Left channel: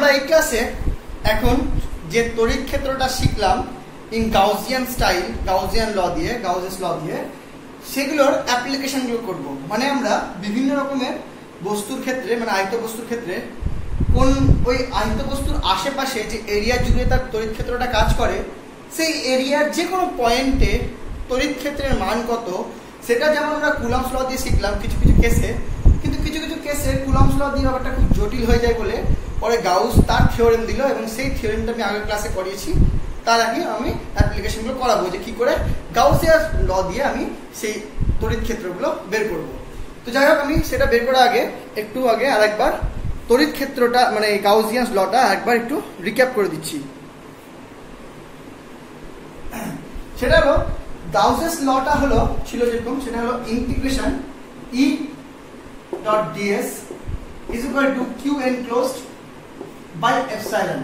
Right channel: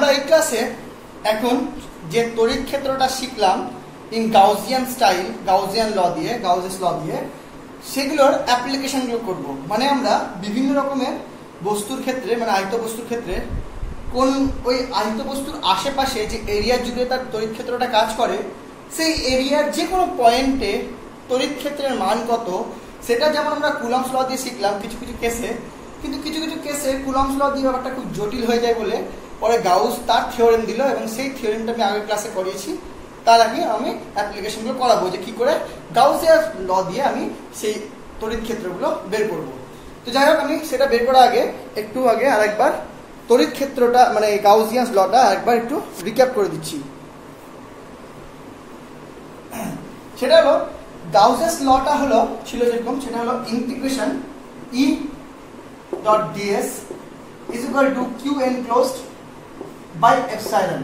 আমরা এই ক্লাসে এখন যে তড়িৎ ক্ষেত্রটা শিখলাম ইন গাউসিয়ান স্টাইল, গাউসিয়ান ল দিয়ে, গাউসিয়াস ল দিয়ে, সেগুলোর অ্যাপ্লিকেশন গুলো করব। মানে আমরা বিভিন্ন রকমের বস্তুর ক্ষেত্রে, মানে আয়ত বস্তুর ক্ষেত্রে কোন ওই আয়ত বস্তুর আশেপাশে যে এরিয়া জুড়ে তার তড়িৎ ক্ষেত্রটা কাজ করে, সেই এরিয়ার যে কোনো পয়েন্টে তড়িৎ ক্ষেত্রের মান কত, সেটা যেমন আমরা কুলম্বস ল দিয়ে শিখলাম কিছু কিছু কেসে, কিন্তু কিছু কিছু কেসে কুলম্বস ল দিয়ে ব্যাপারটা খুব জটিল হয়ে যায় বলে পরে গাউস তার থিওরেম দিল, এবং সেই থিওরেমটা আমি আগের ক্লাসে করিয়েছি। তার আগে আমি অ্যাপ্লিকেশনগুলো করাবো যে কি করে গাউসিয়ান ল দিয়ে আমি সেই তড়িৎ ক্ষেত্রগুলো বের করব। তো যাই হোক, আমি সেটা বের করার আগে একটু আগে আরেকবার তড়িৎ ক্ষেত্রটা মানে গাউসিয়ান লটা একবার একটু রিক্যাপ করে দিচ্ছি। সেটা হলো গাউসিয়াস লটা হলো ছিল যেরকম, সেটা হলো integration E dot DS is equal to Q enclosed by epsilon.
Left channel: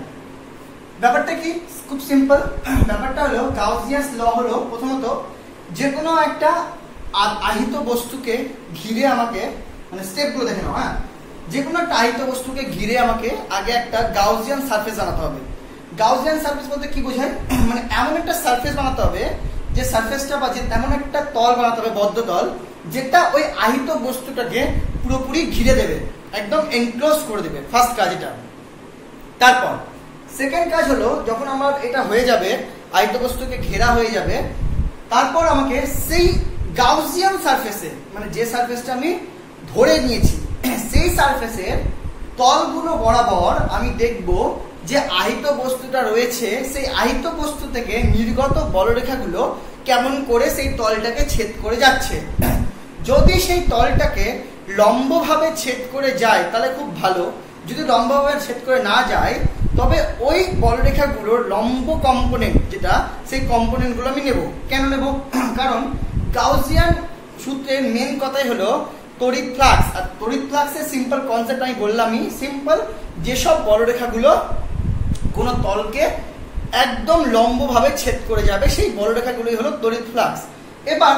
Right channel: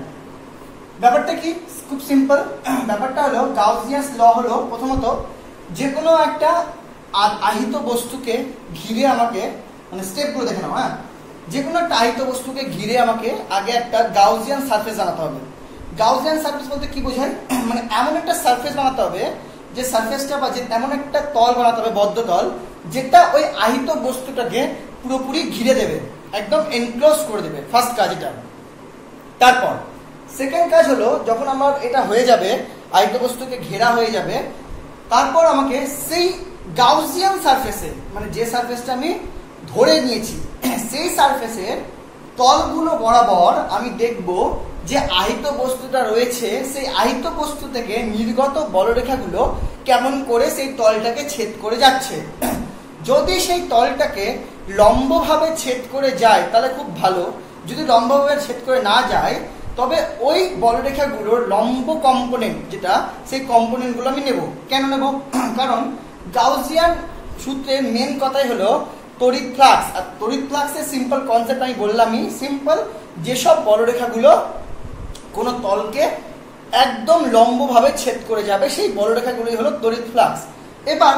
ব্যাপারটা কি, খুব সিম্পল। ব্যাপারটা হলো গাউসিয়াস ল হলো প্রথমত যে কোনো একটা আহিত বস্তুকে ঘিরে আমাকে, মানে স্টেপগুলো দেখে নাও, হ্যাঁ, যে কোনো একটা আহিত বস্তুকে ঘিরে আমাকে আগে একটা গাউসিয়ান সারফেস বানাতে হবে। গাউসিয়ান সারফেস বলতে কি বোঝায়, মানে এমন একটা সারফেস বানাতে হবে যে সারফেসটা বা যে তেমন একটা তল বানাতে হবে, বদ্ধ তল, যেটা ওই আহিত বস্তুটাকে পুরোপুরি ঘিরে দেবে, একদম এনক্লোজ করে দেবে। ফার্স্ট কাজ এটা। তারপর সেকেন্ড কাজ হলো, যখন আমার এটা হয়ে যাবে, আহিত বস্তুকে ঘেরা হয়ে যাবে, তারপর আমাকে সেই গাউসিয়ান সারফেসে, মানে যে সারফেসটা আমি ধরে নিয়েছি, সেই সারফেসের তলগুলো বরাবর আমি দেখব যে আহিত বস্তুটা রয়েছে, সেই আহিত বস্তু থেকে নির্গত বলরেখাগুলো কেমন করে সেই তলটাকে ছেদ করে যাচ্ছে। যদি সেই তলটাকে লম্বভাবে ছেদ করে যায় তাহলে খুব ভালো, যদি লম্বভাবে ছেদ করে না যায় তবে ওই বলরেখাগুলোর লম্ব কম্পোনেন্ট যেটা, সেই কম্পোনেন্টগুলো আমি নেব। কেন নেব? কারণ গাউসিয়ান সূত্রের মেন কথাই হলো তড়িৎ ফ্লাক্স। আর তড়িৎ ফ্লাক্সের সিম্পল কনসেপ্ট আমি বললামই, সিম্পল, যেসব বলরেখাগুলো কোন তলকে একদম লম্বভাবে ছেদ করে যাবে সেই বলরেখাগুলোই হলো তড়িৎ ফ্লাক্স। এবার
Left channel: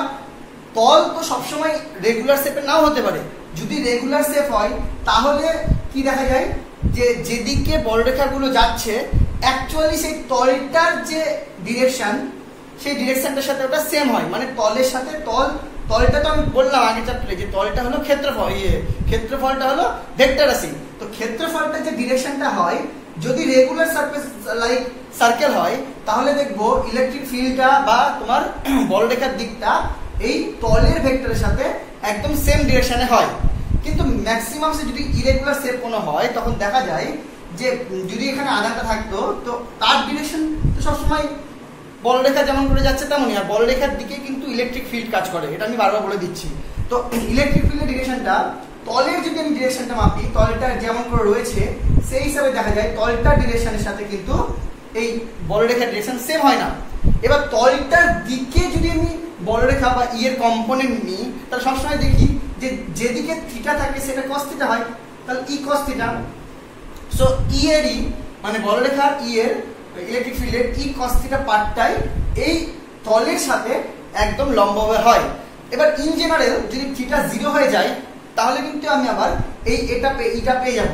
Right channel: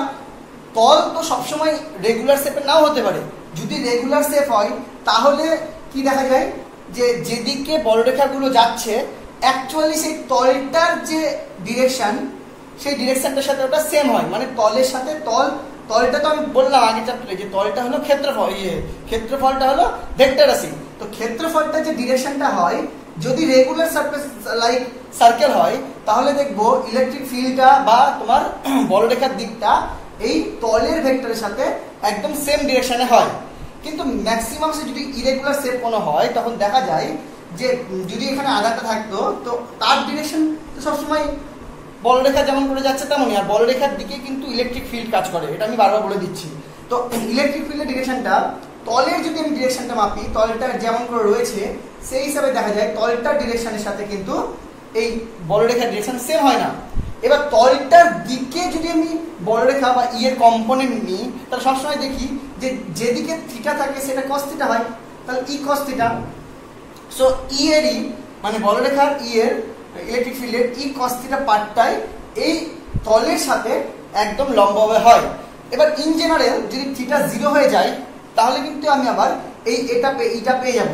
তল তো সবসময় রেগুলার শেপে নাও হতে পারে। যদি রেগুলার শেপ হয় তাহলে কি দেখা যায়, যে যেদিকে বলরেখাগুলো যাচ্ছে অ্যাকচুয়ালি সেই তলটার যে ডিরেকশন, সেই ডিরেকশনটার সাথে ওটা সেম হয়। মানে তলের সাথে তলটা তো আমি বললাম আগে চ্যাপ্টারে যে তলটা হলো ক্ষেত্রফল, ক্ষেত্রফলটা হলো ভেক্টর রাশি। তো ক্ষেত্রফলটা যে ডিরেকশনটা হয়, যদি রেগুলার সারফেস লাইক সার্কেল হয় তাহলে দেখবো ইলেকট্রিক ফিল্ডটা বা তোমার বলরেখার দিকটা এই তলের ভেক্টরের সাথে একদম সেম ডিরেকশনে হয়। কিন্তু ম্যাক্সিমাম যদি ইরেগুলার শেপ কোনো হয় তখন দেখা যায় যে যদি এখানে আধারটা থাকতো তো তার ডিরেকশন তো সবসময় বলরেখা যেমন করে যাচ্ছে তেমনই, আর বলরেখার দিকে কিন্তু ইলেকট্রিক ফিল্ড কাজ করে, এটা আমি বারবার বলে দিচ্ছি। তো ইলেকট্রিক ফিল্ডের ডিরেকশনটা, তলের যদি আমি ডিরেকশনটা মাপি, তলটা যেমন করে রয়েছে সেই হিসাবে দেখা যায় তলটার ডিরেকশনের সাথে কিন্তু এই বলরেখার ডিরেকশন সেম হয় না। এবার তলটার দিকে যদি আমি বলরেখা বা ইয়ের কম্পোনেন্ট নিই তাহলে সবসময় দেখি যে যেদিকে থিটা থাকে সেটা কস থিটা হয়, তাহলে ই কস থিটা। সো ই এরই মানে বলরেখা ই এর ইলেকট্রিক ফিল্ডের ই কস থিটা পার্টটাই এই তলের সাথে একদম লম্বভাবে হয়। এবার ইন জেনারেল যদি থিটা 0 হয়ে যায় তাহলে কিন্তু আমি আবার এটা পেয়ে যাব।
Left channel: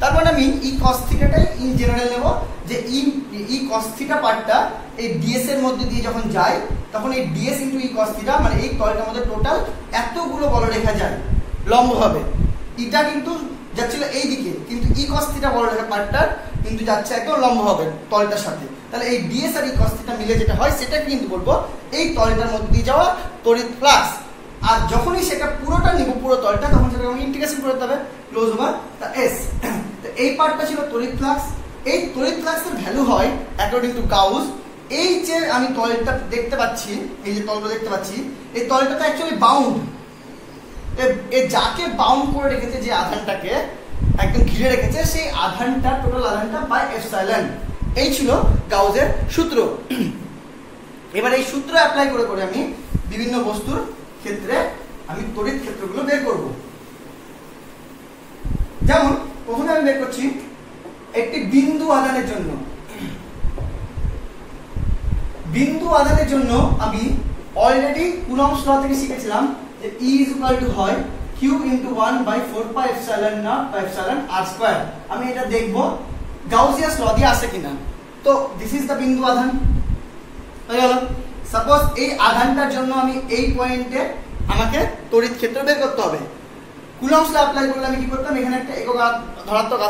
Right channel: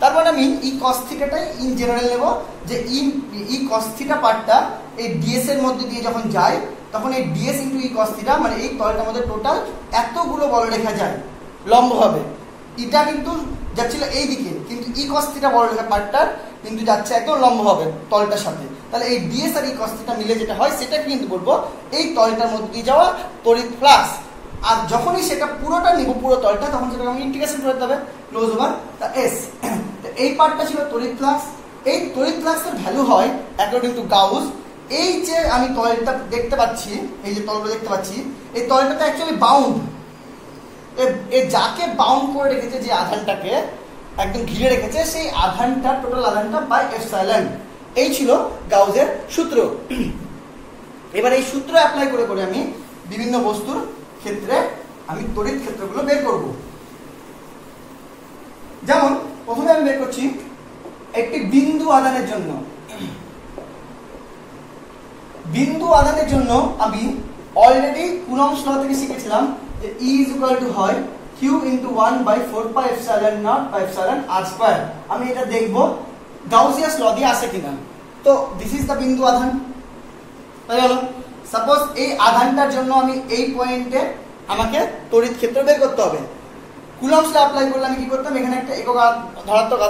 তার মানে আমি ই কস থিটাটাই ইন জেনারেল নেব, যে ই কস থিটা পার্টটা এই ডিএস এর মধ্যে দিয়ে যখন যায় তখন এই ডিএস ইন্টু ই কস থিটা, মানে এই তলটার মধ্যে টোটাল এতগুলো বলরেখা যায় লম্বভাবে। এটা কিন্তু যাচ্ছিল এই দিকে, কিন্তু ই কস থিটা বলরেখা পার্টটার কিন্তু যাচ্ছে একদম লম্বভাবে তলটার সাথে। তাহলে এই ডিএস আর ই কস থিটা মিলে যেটা হয় সেটা কিন্তু বলবো এই তলটার মধ্যে দিয়ে যাওয়া তড়িৎ ফ্লাক্স। আর যখনই সেটা পুরোটা নিব, পুরো তলটা, তখন সেটাকে আমি ইন্টিগ্রেশন করতে হবে ক্লোজ ওভার দ্য এস। এই পার্টটা ছিল তড়িৎ ফ্লাক্স। এই তড়িৎ ফ্লাক্সের ভ্যালু হয় অ্যাকর্ডিং টু গাউস। এই যে আমি তলটা দেখতে পাচ্ছি, এই যে তলটা দেখতে পাচ্ছি, এই তলটাতে অ্যাকচুয়ালি বাউন্ড, যাকে বাউন্ড করে রেখেছে, যে আধানটাকে একদম ঘিরে রেখেছে, সেই আধানটা, টোটাল আধানটা বাই এপসাইলন। এই ছিল গাউসের সূত্র। এবার এই সূত্র অ্যাপ্লাই করে করে আমি বিভিন্ন বস্তুর ক্ষেত্রে আমি তড়িৎ ক্ষেত্রগুলো বের করব। যেমন প্রথমে আমি বের করছি একটি বিন্দু আধানের জন্য। বিন্দু আধানের জন্য আমি অলরেডি কুলম্বস ল থেকে শিখেছিলাম যে E is equal to হয় Q into 1/4 pi epsilon naught by epsilon r square। আমি এটা দেখব গাউসিয়াস ল দিয়ে আসে কিনা। তো দিস ইজ দ্য বিন্দু আধান হয়ে গেল। সাপোজ এই আধানটার জন্য আমি এই পয়েন্টে আমাকে তড়িৎ ক্ষেত্র বের করতে হবে। কুলম্বস ল অ্যাপ্লাই করলে আমি কি করতাম, এখানে একটা একক ধনাত্মক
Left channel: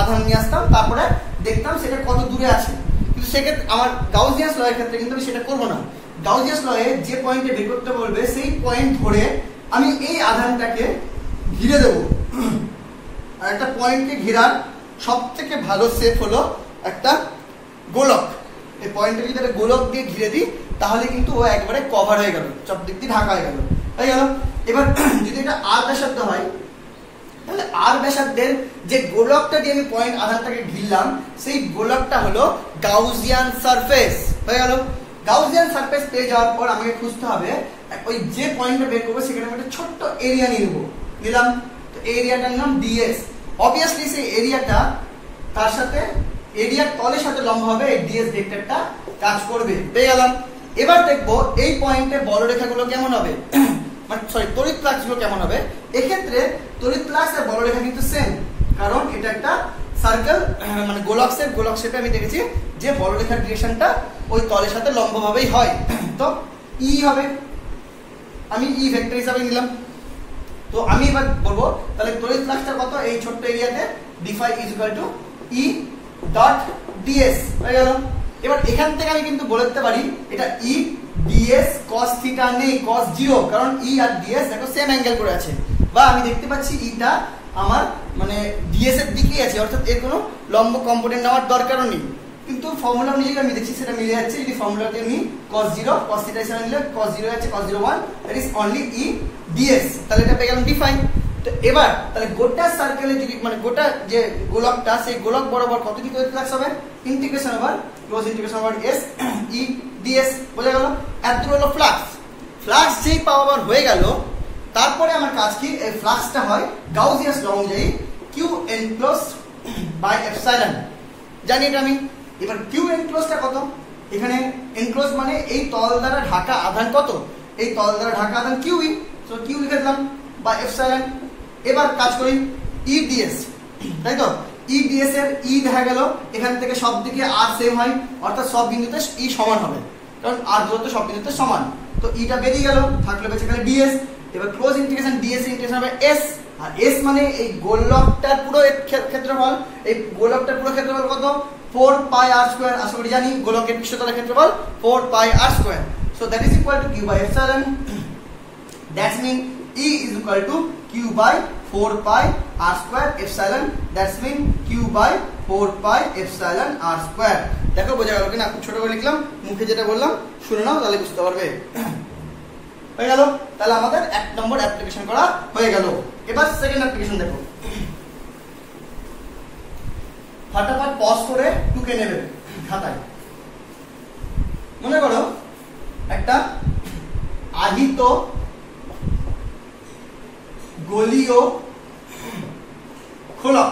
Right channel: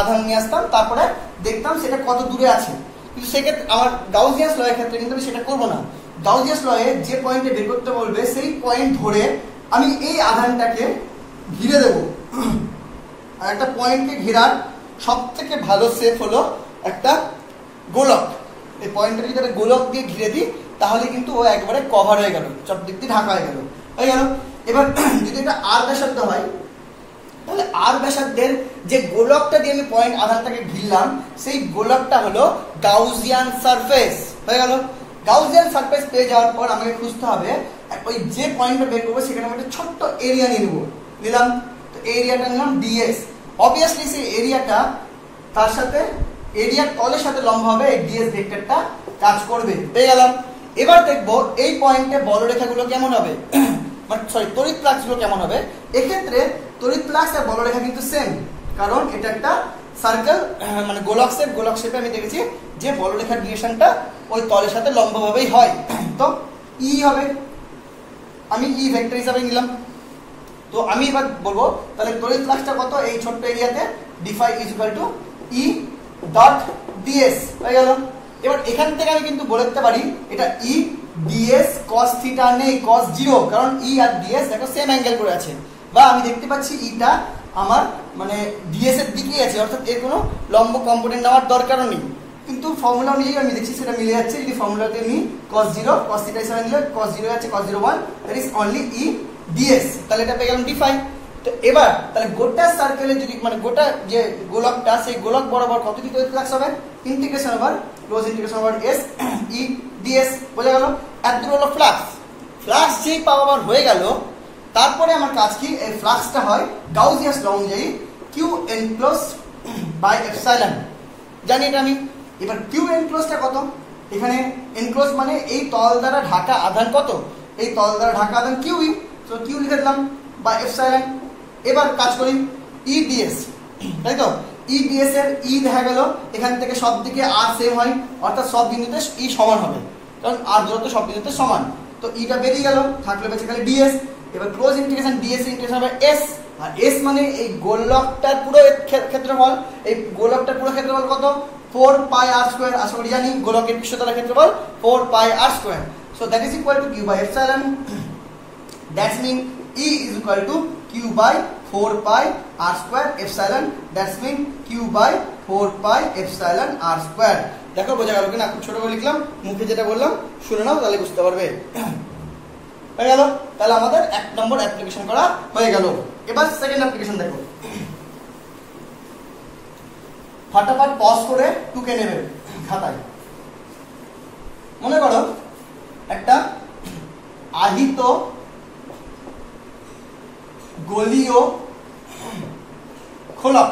আধান নিয়ে আসতাম, তারপরে দেখতাম সেটা কত দূরে আছে। কিন্তু সেক্ষেত্রে আমার গাউসিয়াস ল এর ক্ষেত্রে কিন্তু আমি সেটা করবো না। গাউসিয়াস ল এ যে পয়েন্টে বের করতে বলবে সেই পয়েন্ট ধরে আমি এই আধানটাকে ঘিরে দেব। আর একটা পয়েন্টকে ঘেরার সব থেকে ভালো শেপ হলো একটা গোলক। এই পয়েন্টটাকে যদি একটা গোলক দিয়ে ঘিরে দিই তাহলে কিন্তু ও একবারে কভার হয়ে গেল, সব দিক দিয়ে ঢাকা হয়ে গেল। এবার যদি এটা আর ব্যাসার্ধ হয় তাহলে আর ব্যাসার্ধের যে গোলকটা দিয়ে আমি পয়েন্ট আধানটাকে ঘিরলাম সেই গোলকটা হলো গাউসিয়ান সারফেস হয়ে গেল। গাউসিয়ান সারফেস পেয়ে যাওয়ার পর আমাকে খুঁজতে হবে ওই যে পয়েন্টটা বের করবো সেখানে আমি একটা ছোট্ট এরিয়া নিয়ে নেবো। নিলাম, তো এরিয়াটার নাম ডিএস। অবভিয়াসলি সেই এরিয়াটা তার সাথে এরিয়ার তলের সাথে লম্ব হবে, এই ডিএস ভেক্টরটা কাজ করবে। পেয়ে গেলাম। এবার দেখবো এই পয়েন্টে বলরেখাগুলো কেমন হবে, সরি তড়িৎ ফ্লাক্সগুলো কেমন হবে। এক্ষেত্রে তড়িৎ ফ্লাক্স আর বলরেখা কিন্তু সেম, কারণ এটা একটা সার্কেল মানে গোলক শেপে আমি দেখেছি যে বলরেখার ডিরেকশনটা ওই তলের সাথে লম্বভাবেই হয়। তো ই হবে, আমি ই ভেক্টর হিসাবে নিলাম। তো আমি এবার বলবো তাহলে তড়িৎ ফ্লাক্সটা কত এই ছোট্ট এরিয়াতে, d5 = E ডট ds হয়ে গেল। এবার এখান থেকে আমি কিন্তু বলে দিতে পারি এটা E ds cos থিটা নেই, cos 0, কারণ E আর ds দেখো সেম অ্যাঙ্গেল করে আছে, বা আমি দেখতে পাচ্ছি ইটা আমার মানে ds এর দিকেই আছে, অর্থাৎ এর কোনো লম্ব কম্পোনেন্ট নেওয়ার দরকারও নেই। কিন্তু ফর্মুলা অনুযায়ী আমি দেখছি সেটা মিলে যাচ্ছে। যদি ফর্মুলা দিয়ে নিই cos 0 cos থিটা হিসেবে নিলে cos 0 আছে cos 0 1, that is only E ds, তাহলে এটা পেয়ে গেলাম d5। তো এবার তাহলে গোটা সার্কেলে যদি মানে গোটা যে গোলকটা সেই গোলক বরাবর কত কি তড়িৎ ফ্লাক্স হবে, integration over close integration over s E ds, বোঝা গেল। এত হলো ফ্লাক্স যেই পাওয়ার হয়ে গেল, তারপরে আমার কাজ কি, এই ফ্লাক্সটা হয় গাউসিয়াস ল অনুযায়ী q enclosed by epsilon, জানি এটা আমি। এবার q enclosedটা কত, এখানে enclosed মানে এই তল দ্বারা ঢাকা আধান কত, এই তল দ্বারা ঢাকা আধান q, তো q লিখে দিলাম বা এপসাইলন। এবার কাজ করি E ds, তাই তো E ds এর E দেখা গেল এখান থেকে সব দিকে r সেম হয়, অর্থাৎ সব বিন্দুতে E সমান হবে, কারণ r দূরত্ব সব বিন্দুতে সমান। তো E টা বেরিয়ে গেল, থাকলো বেসিক্যালি ds। এবার ক্লোজ ইন্টিগ্রেশন ds ইন্টিগ্রেশন হবে s, আর s মানে এই গোলকটার পুরো ক্ষেত্রফল, এই গোলকটার পুরো ক্ষেত্রফল কত 4πr², আশা করি জানি গোলকের পৃষ্ঠতলের ক্ষেত্রফল 4πr²। So that is equal to q by epsilon, that's mean E is equal to q by 4πr² epsilon, that's mean q by 4π epsilon r²। দেখো বোঝা গেল কিনা, ছোট করে লিখলাম, মুখে যেটা বললাম শুনে নাও তাহলে বুঝতে পারবে। হয়ে গেল, তাহলে আমাদের 1 নম্বর অ্যাপ্লিকেশন করা হয়ে গেল। এবার সেকেন্ড অ্যাপ্লিকেশন দেখো, ফটাফট পজ করে টুকে নেবে খাতায়। মনে করো একটা আহিত গোলীয় খোলক,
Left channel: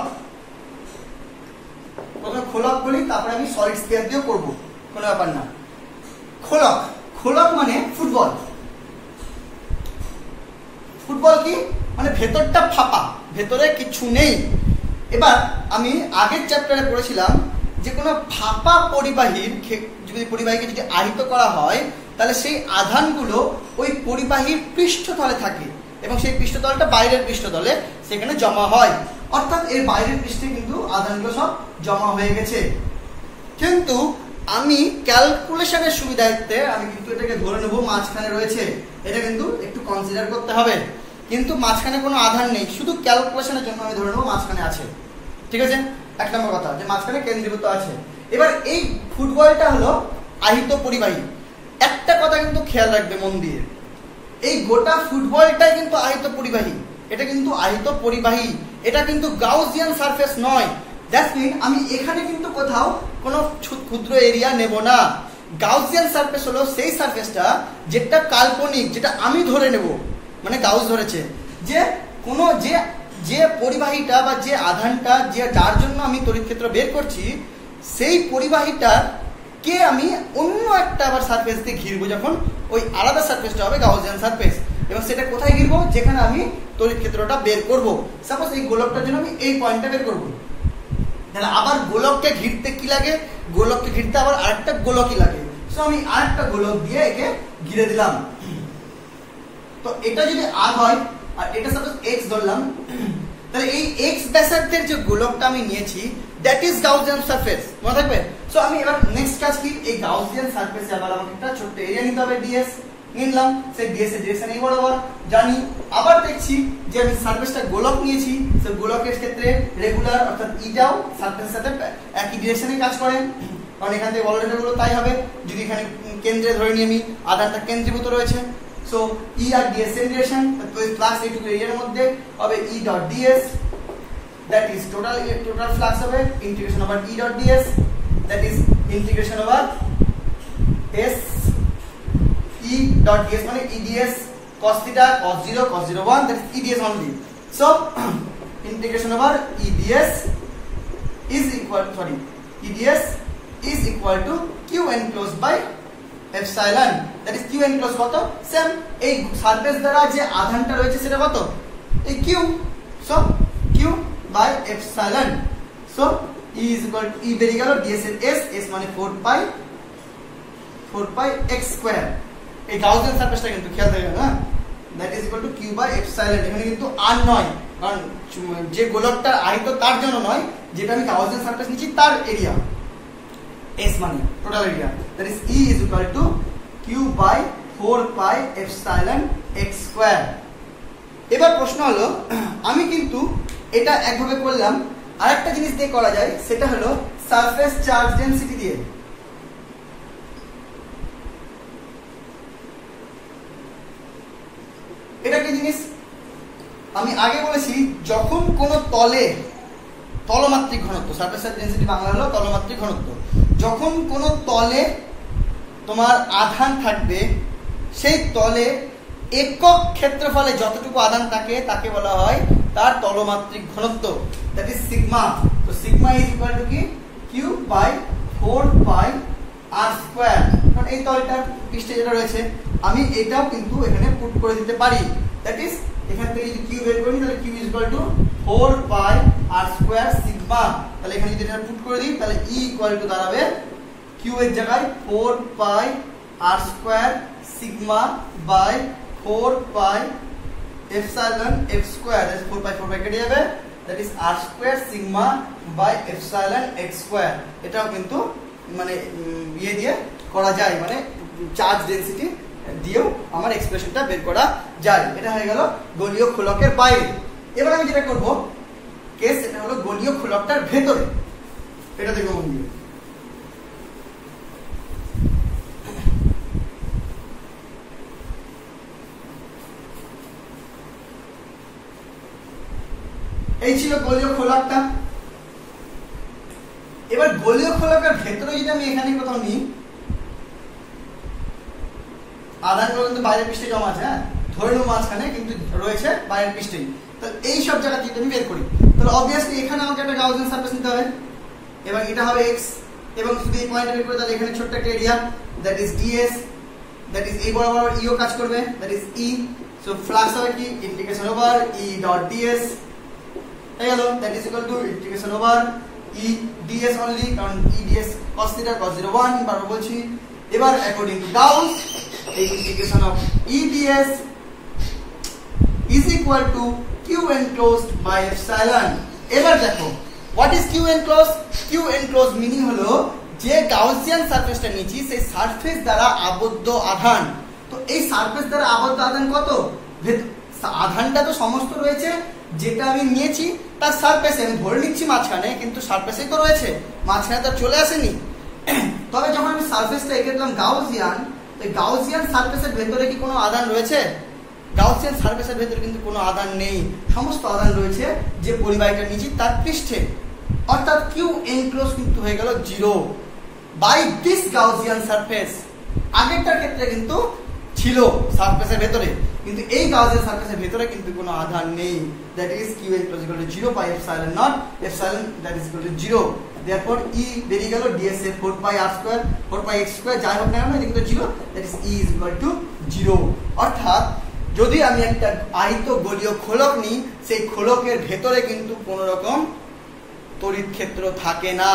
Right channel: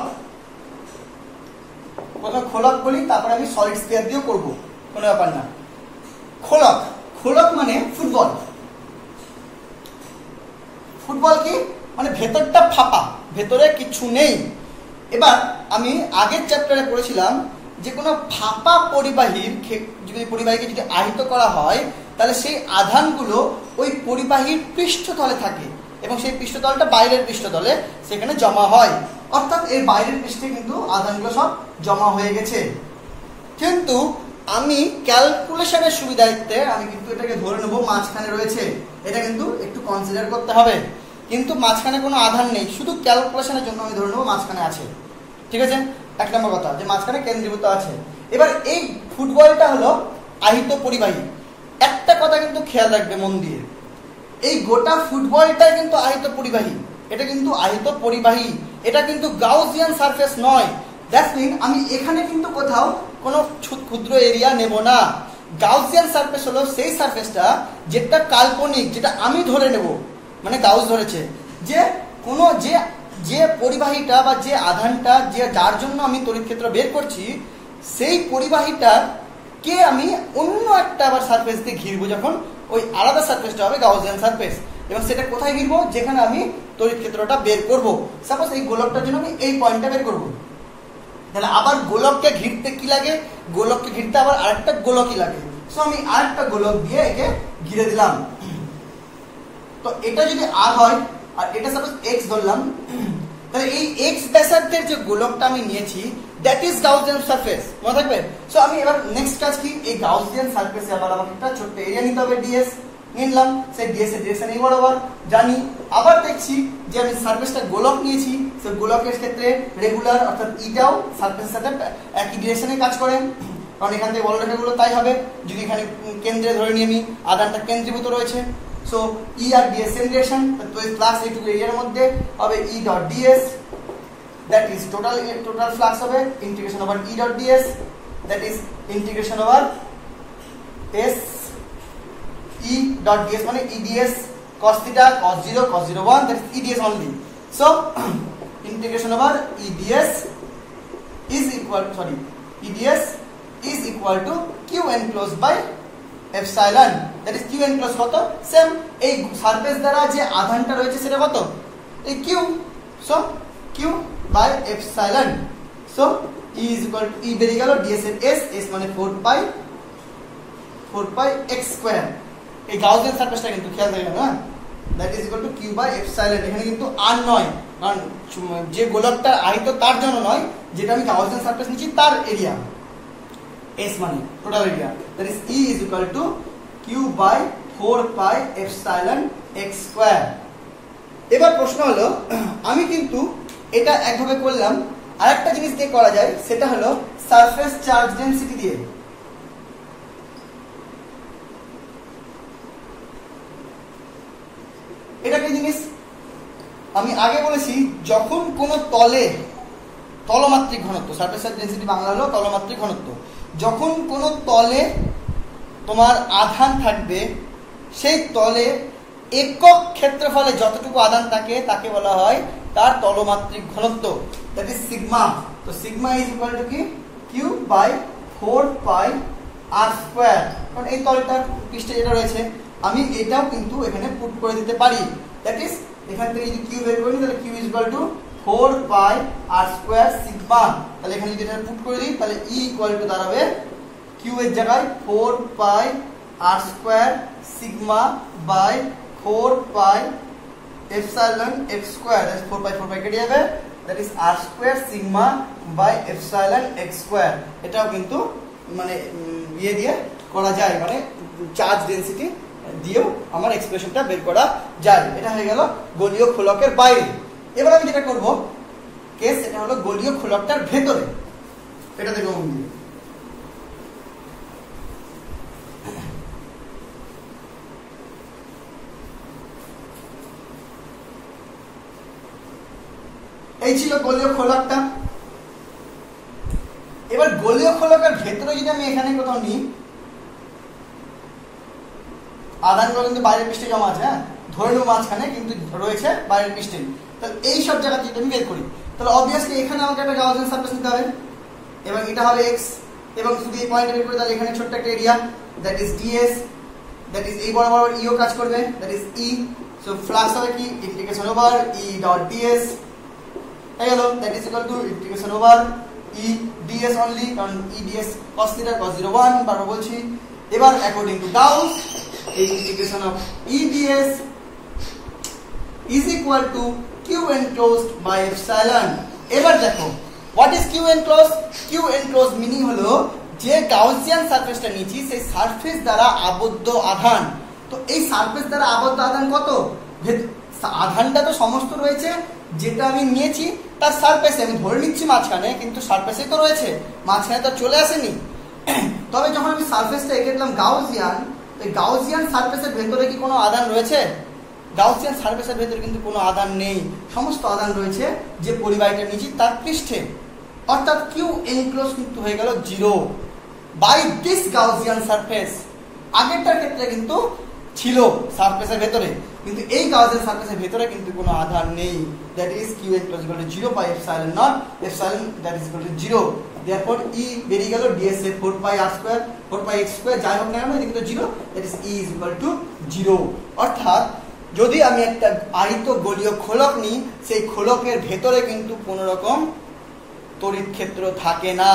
প্রথমে খোলক বলি তারপরে আমি সলিড স্পিয়ার দিয়েও করবো, কোনো ব্যাপার না। খোলক মানে ফুটবল। ফুটবল কি মানে ভেতরটা ফাঁপা, ভেতরে কিছু নেই। এবার আমি আগের চ্যাপ্টারে পড়েছিলাম যে কোনো ফাঁপা পরিবাহীকে যদি আহিত করা হয় তাহলে সেই আধানগুলো ওই পরিবাহীর পৃষ্ঠতলে থাকে এবং সেই পৃষ্ঠতলটা বাইরের পৃষ্ঠতলে সেখানে জমা হয়, অর্থাৎ এই বাইরের পৃষ্ঠে কিন্তু আধানগুলো সব জমা হয়ে গেছে। কিন্তু আমি ক্যালকুলেশনের সুবিধার্থে আমি কিন্তু এটাকে ধরে নেবো মাঝখানে রয়েছে, এটা কিন্তু একটু কনসিডার করতে হবে। কিন্তু মাঝখানে কোনো আধান নেই, শুধু ক্যালকুলেশনের জন্য আমি ধরে নেবো মাঝখানে আছে, ঠিক আছে। 1 নম্বর কথা যে মাঝখানে কেন্দ্রীভূত আছে। এবার এই ফুটবলটা হলো আহিত পরিবাহী। একটা কথা কিন্তু খেয়াল রাখবে মন দিয়ে, এই গোটা ফুটবলটাই কিন্তু আহিত পরিবাহী, এটা কিন্তু আহিত পরিবাহী, এটা কিন্তু গাউসিয়ান সারফেস নয়। দ্যাটস মিন আমি এখানে কিন্তু কোথাও কোনো ক্ষুদ্র এরিয়া নেব না। গাউসিয়ান সারফেস হলো সেই সারফেসটা যেটা কাল্পনিক, যেটা আমি ধরে নেব, মানে গাউস ধরেছে যে কোনো যে পরিবাহীটা বা যে আধানটা যার জন্য আমি তড়িৎ ক্ষেত্র বের করছি সেই পরিবাহীটা কে আমি অন্য একটা আবার সারফেস দিয়ে ঘিরবো, যখন ওই আলাদা সারফেসটা হবে গাউসিয়ান সারফেস, এবং সেটা কোথায় ঘিরবো, যেখানে আমি তড়িৎ ক্ষেত্রটা বের করব। সাপোজ এই গোলকটার জন্য আমি এই পয়েন্টটা বের করবো, তাহলে আবার গোলককে ঘিরতে কি লাগে, গোলককে ঘিরতে আবার আরেকটা গোলকই লাগে। সো আমি আরেকটা গোলক দিয়ে একে ঘিরে দিলাম। তো এটা যদি আর হয় আর এটা সাপোজ এক্স ধরলাম, তাহলে এই এক্স ব্যাসার্ধের যে গোলকটা আমি নিয়েছি দ্যাট ইজ গাউসিয়ান সারফেস, মনে থাকবে। সো আমি এবার নেক্সট কাজ কি, এই গাউসিয়ান সারফেসে আবার আমাকে একটা ছোট্ট এরিয়া নিতে হবে, ডিএস নিলাম, সেই ডিএস এর ডিরেকশন এই বরাবর জানি। আবার দেখছি যে আমি সারফেসটা গোলক নিয়েছি, সেই গোলকের ক্ষেত্রে রেগুলার অর্থাৎ ইটাও সারফেসের সাথে একই ডিরেকশনে কাজ করে, কারণ এখান থেকে বলরেখাগুলো তাই হবে। যদি এখানে কেন্দ্রে ধরে নিয়ে আমি আধারটা কেন্দ্রীভূত রয়েছে, সো ই আর ডিএস সেম ডিরেকশন, তো এই ফ্লাক্স এইটুকু এরিয়ার মধ্যে হবে E dot d s, that is total flux হবে integration over E dot d s, that is integration over S E dot DS, মানে E d s cos theta cos 0 cos 0 1, that is EDS only. So integration over EDS is equal to Q enclosed by epsilon, that is Q enclosed কত, same এই surface দ্বারা যে আধানটা রয়েছে সেটা কত, এই Q, so Q by epsilon, so E is equal to E বেরিয়ে গেল, DS এর S মানে 4 pi x স্কয়ার। এই গাউসিয়ান সারফেসটা কিন্তু খেয়াল রাখবেন, হ্যাঁ, that is equal to Q by epsilon। এখানে কিন্তু আর নয়, কারণ যে গোলকটার আয়ত তার জন্য নয়, যেটা আমি গাউসিয়ান সারফেস নিচ্ছি তার এরিয়া, S মানে total area, that is E is equal to Q by 4 pi epsilon x square. এবার প্রশ্ন হলো, আমি কিন্তু এটা একভাবে করলাম, আরেকটা জিনিস দিয়ে করা যায়, সেটা হলো সারফেস চার্জ ডেনসিটি দিয়ে। এটা কি জিনিস, আমি আগে বলেছি যখন কোন তলে তলমাত্রিক ঘনত্ব, সারফেস চার্জ ডেনসিটি বাংলা হলো তলমাত্রিক ঘনত্ব, যখন কোন তলে তোমার আধান থাকবে, সেই তলে একক ক্ষেত্রফলে যতটুকু আধান থাকে তাকে বলা হয় তার তলমাত্রিক ঘনত্ব, দ্যাট ইজ সিগমা। তো সিগমা ইজ ইকুয়াল টু কি, Q by 4 pi R square, কারণ এই তলটার পৃষ্ঠে যেটা রয়েছে আমি এটাও কিন্তু এখানে পুট করে দিতে পারি, দ্যাট ইজ এখান থেকে যদি কিউ বের করি তাহলে q is equal to 4 pi R square sigma. তাহলে এখানে যদি এটা পুট করে দিই তাহলে ই ইকুয়াল টু দাঁড়াবে কিউ এর জায়গায় 4 pi R square sigma by 4 pi epsilon x square, that is 4 pi কেটে যাবে, that is r square sigma by epsilon x square. এটাও কিন্তু মানে ইয়ে দিয়ে করা যায়, মানে চার্জ ডেনসিটি দিয়েও আমার এক্সপ্রেশনটা বের করা যায়। এটা হয়ে গেল গোলীয় খোলকের বাইরে। এবার আমি যেটা করব কেস, এটা হলো গোলীয় খোলকটার ভেতরে, এটা দেখো বন্ধু, এই ছিল গোলীয় খোলকটা। এবার গোলীয় খোলকের ভেতরে যদি আমি এখানে কোথাও নিই, আধানগুলো কিন্তু বাইরের পৃষ্ঠে জমা আছে, হ্যাঁ, ধরে নেব মাঝখানে কিন্তু রয়েছে বাইরের পৃষ্ঠে, তাহলে এই সব জায়গা থেকে আমি বের করি, তাহলে অবভিয়াসলি এখানে আমাকে একটা গাউসিয়ান সারফেস নিতে হবে, এবং এটা হবে x, এবং যদি এই পয়েন্টে বের করি তাহলে এখানে ছোট্ট একটা area, that is ds, that is এই বরাবর ইও কাজ করবে, that is e, so flux হবে কি integration over e dot ds হয়ে গেল, that is equal to integration over e ds only, কারণ e ds cos θ cos 0 1 বারবার বলছি। এবার অ্যাকর্ডিং টু গাউস এই integration of e ds is equal to q enclosed by epsilon। এবার দেখো what is q enclosed, q enclosed meaning হলো যে Gaussian সারফেসটা নিয়েছি সেই সারফেস দ্বারা আবদ্ধ আধান। তো এই সারফেস দ্বারা আবদ্ধ আধান কত, আধানটা তো সমস্ত রয়েছে যেটা আমি নিয়েছি তার সারফেসে, আমি ধরে নিচ্ছি মাঝখানে, কিন্তু সারফেসে তো রয়েছে, মাঝখানে তো চলে আসেনি। তবে যখন আমি সারফেসটা এঁকে দিলাম গাউসিয়ান, তো গাউসিয়ান সারফেসের ভেতরে কি কোনো আধান রয়েছে? গাউসিয়ান সারফেসের ভেতরে কিন্তু কোনো আধান নেই, সমস্ত আধান রয়েছে যে পরিবাহীটা নিয়েছি তার পৃষ্ঠে, অর্থাৎ কিউ এনক্লোজ কিন্তু হয়ে গেল 0 বাই দিস গাউসিয়ান সারফেস। আগেরটার ক্ষেত্রে কিন্তু ছিল সারফেসের ভেতরে, কিন্তু এই গাউসিয়ান সারফেসের ভেতরে কিন্তু কোনো আধান নেই, that is q equal to 0 by epsilon naught, epsilon that is equal to 0, therefore E বেরিয়ে গেল ds এর 4 pi r square 4 pi x square যাই হোক না কেন এটা কিন্তু 0, that is e is equal to 0। অর্থাৎ যদি আমি একটা আয়ত গোলীয় খোলক নিই, সেই খোলকের ভেতরে কিন্তু কোনো রকম তড়িৎ ক্ষেত্র থাকে না।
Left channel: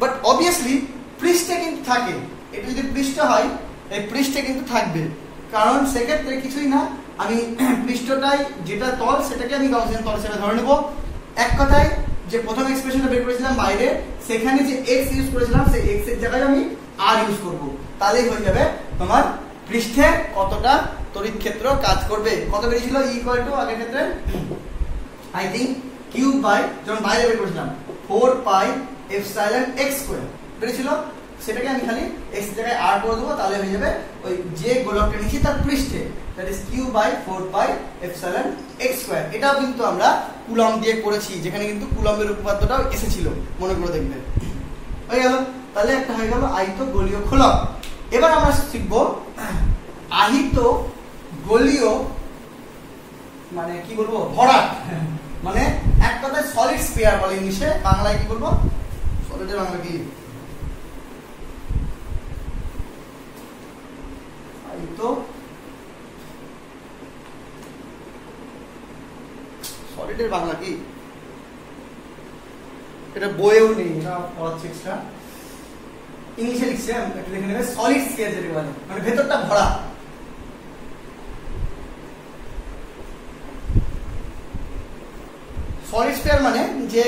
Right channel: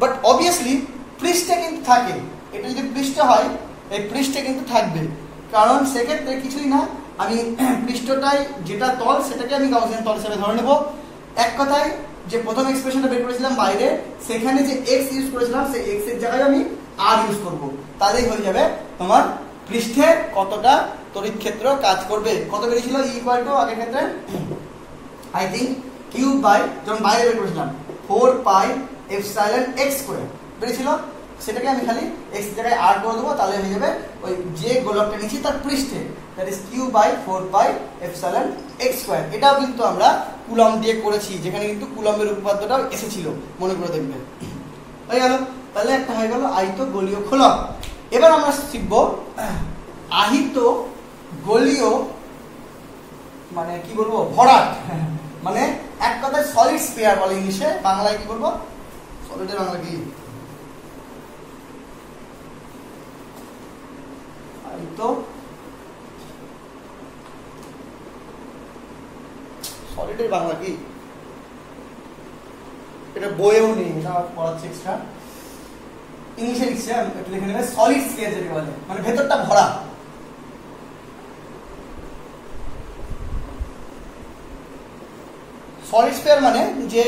বাট অবভিয়াসলি পৃষ্ঠে কিন্তু থাকে। এটা যদি পৃষ্ঠ হয় এই পৃষ্ঠে কিন্তু থাকবে, কারণ সেক্ষেত্রে কিছুই না, আমি পৃষ্ঠটাই যেটা তল সেটাকে আমি গাউসিয়ান তল হিসেবে ধরে নেব। এক কথায় যে প্রথম এক্সপ্রেশনটা বের করেছিলাম বাইরে, সেখানে যে এক্স ইউজ করেছিলাম সেই এক্স এর জায়গায় আমি আর ইউজ করব, তাহলেই হয়ে যাবে তোমার পৃষ্ঠে কতটা তড়িৎ ক্ষেত্র কাজ করবে। কত বেরিয়েছিল ইকুয়াল টু আগের ক্ষেত্রে আই থিঙ্ক কিউব বাই, যখন বাইরে বের করেছিলাম 4 পাই এপসাইলন এক্স স্কয়ার বেরিয়েছিল, সেটাকে আমি খালি এক্স জায়গায় আর করে দেবো, তাহলে হয়ে যাবে ওই যে গোলকটা নিচ্ছি তার পৃষ্ঠে, that is Q by 4 pi epsilon x square. এটাও কিন্তু আমরা কুলম্ব দিয়ে করেছি, যেখানে কিন্তু কুলম্বের উপপাদ্যটাও এসেছিল, মনে করে দেখবে। হয়ে গেল, তাহলে একটা হয়ে গেল আহিত গোলীয় খোলক। এবার আমরা শিখব আহিত গোলীয় মানে কি বলবো ভরাট, মানে এক কথায় সলিড স্ফিয়ার বলে ইংলিশে, বাংলায় কি বলবো, সলিডের বাংলা কি, তো সলিডের বাংলা কি, এটা বইয়েও নেই, এটা পড়াচ্ছে এক্সট্রা, ইংলিশে লিখছে, আমি লিখে নেবে সলিড স্ফিয়ার যেটা বলে, মানে ভেতরটা ভরা। সলিড স্ফিয়ার মানে যে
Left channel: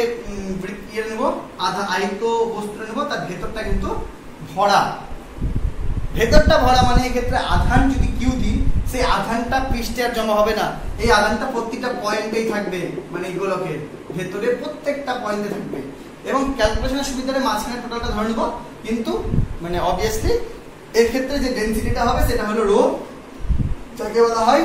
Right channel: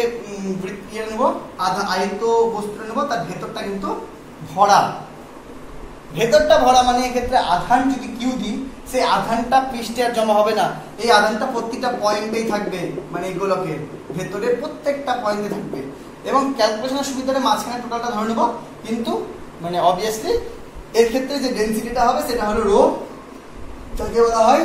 ইয়ে নেব, আধা আয়ত বস্তু নেব, তার ভেতরটা কিন্তু ভরা। ভেতরটা ভরা মানে এক্ষেত্রে আধান যদি কিউ দিই, সেই আধানটা পৃষ্ঠে আর জমা হবে না, এই আধানটা প্রত্যেকটা পয়েন্টেই থাকবে, মানে এই গোলকের ভেতরে প্রত্যেকটা পয়েন্টে থাকবে। এবং ক্যালকুলেশনের সুবিধাটা মাঝখানে টোটালটা ধরে নেব, কিন্তু মানে অবভিয়াসলি এর ক্ষেত্রে যে ডেনসিটিটা হবে সেটা হলো রো, যাকে বলা হয়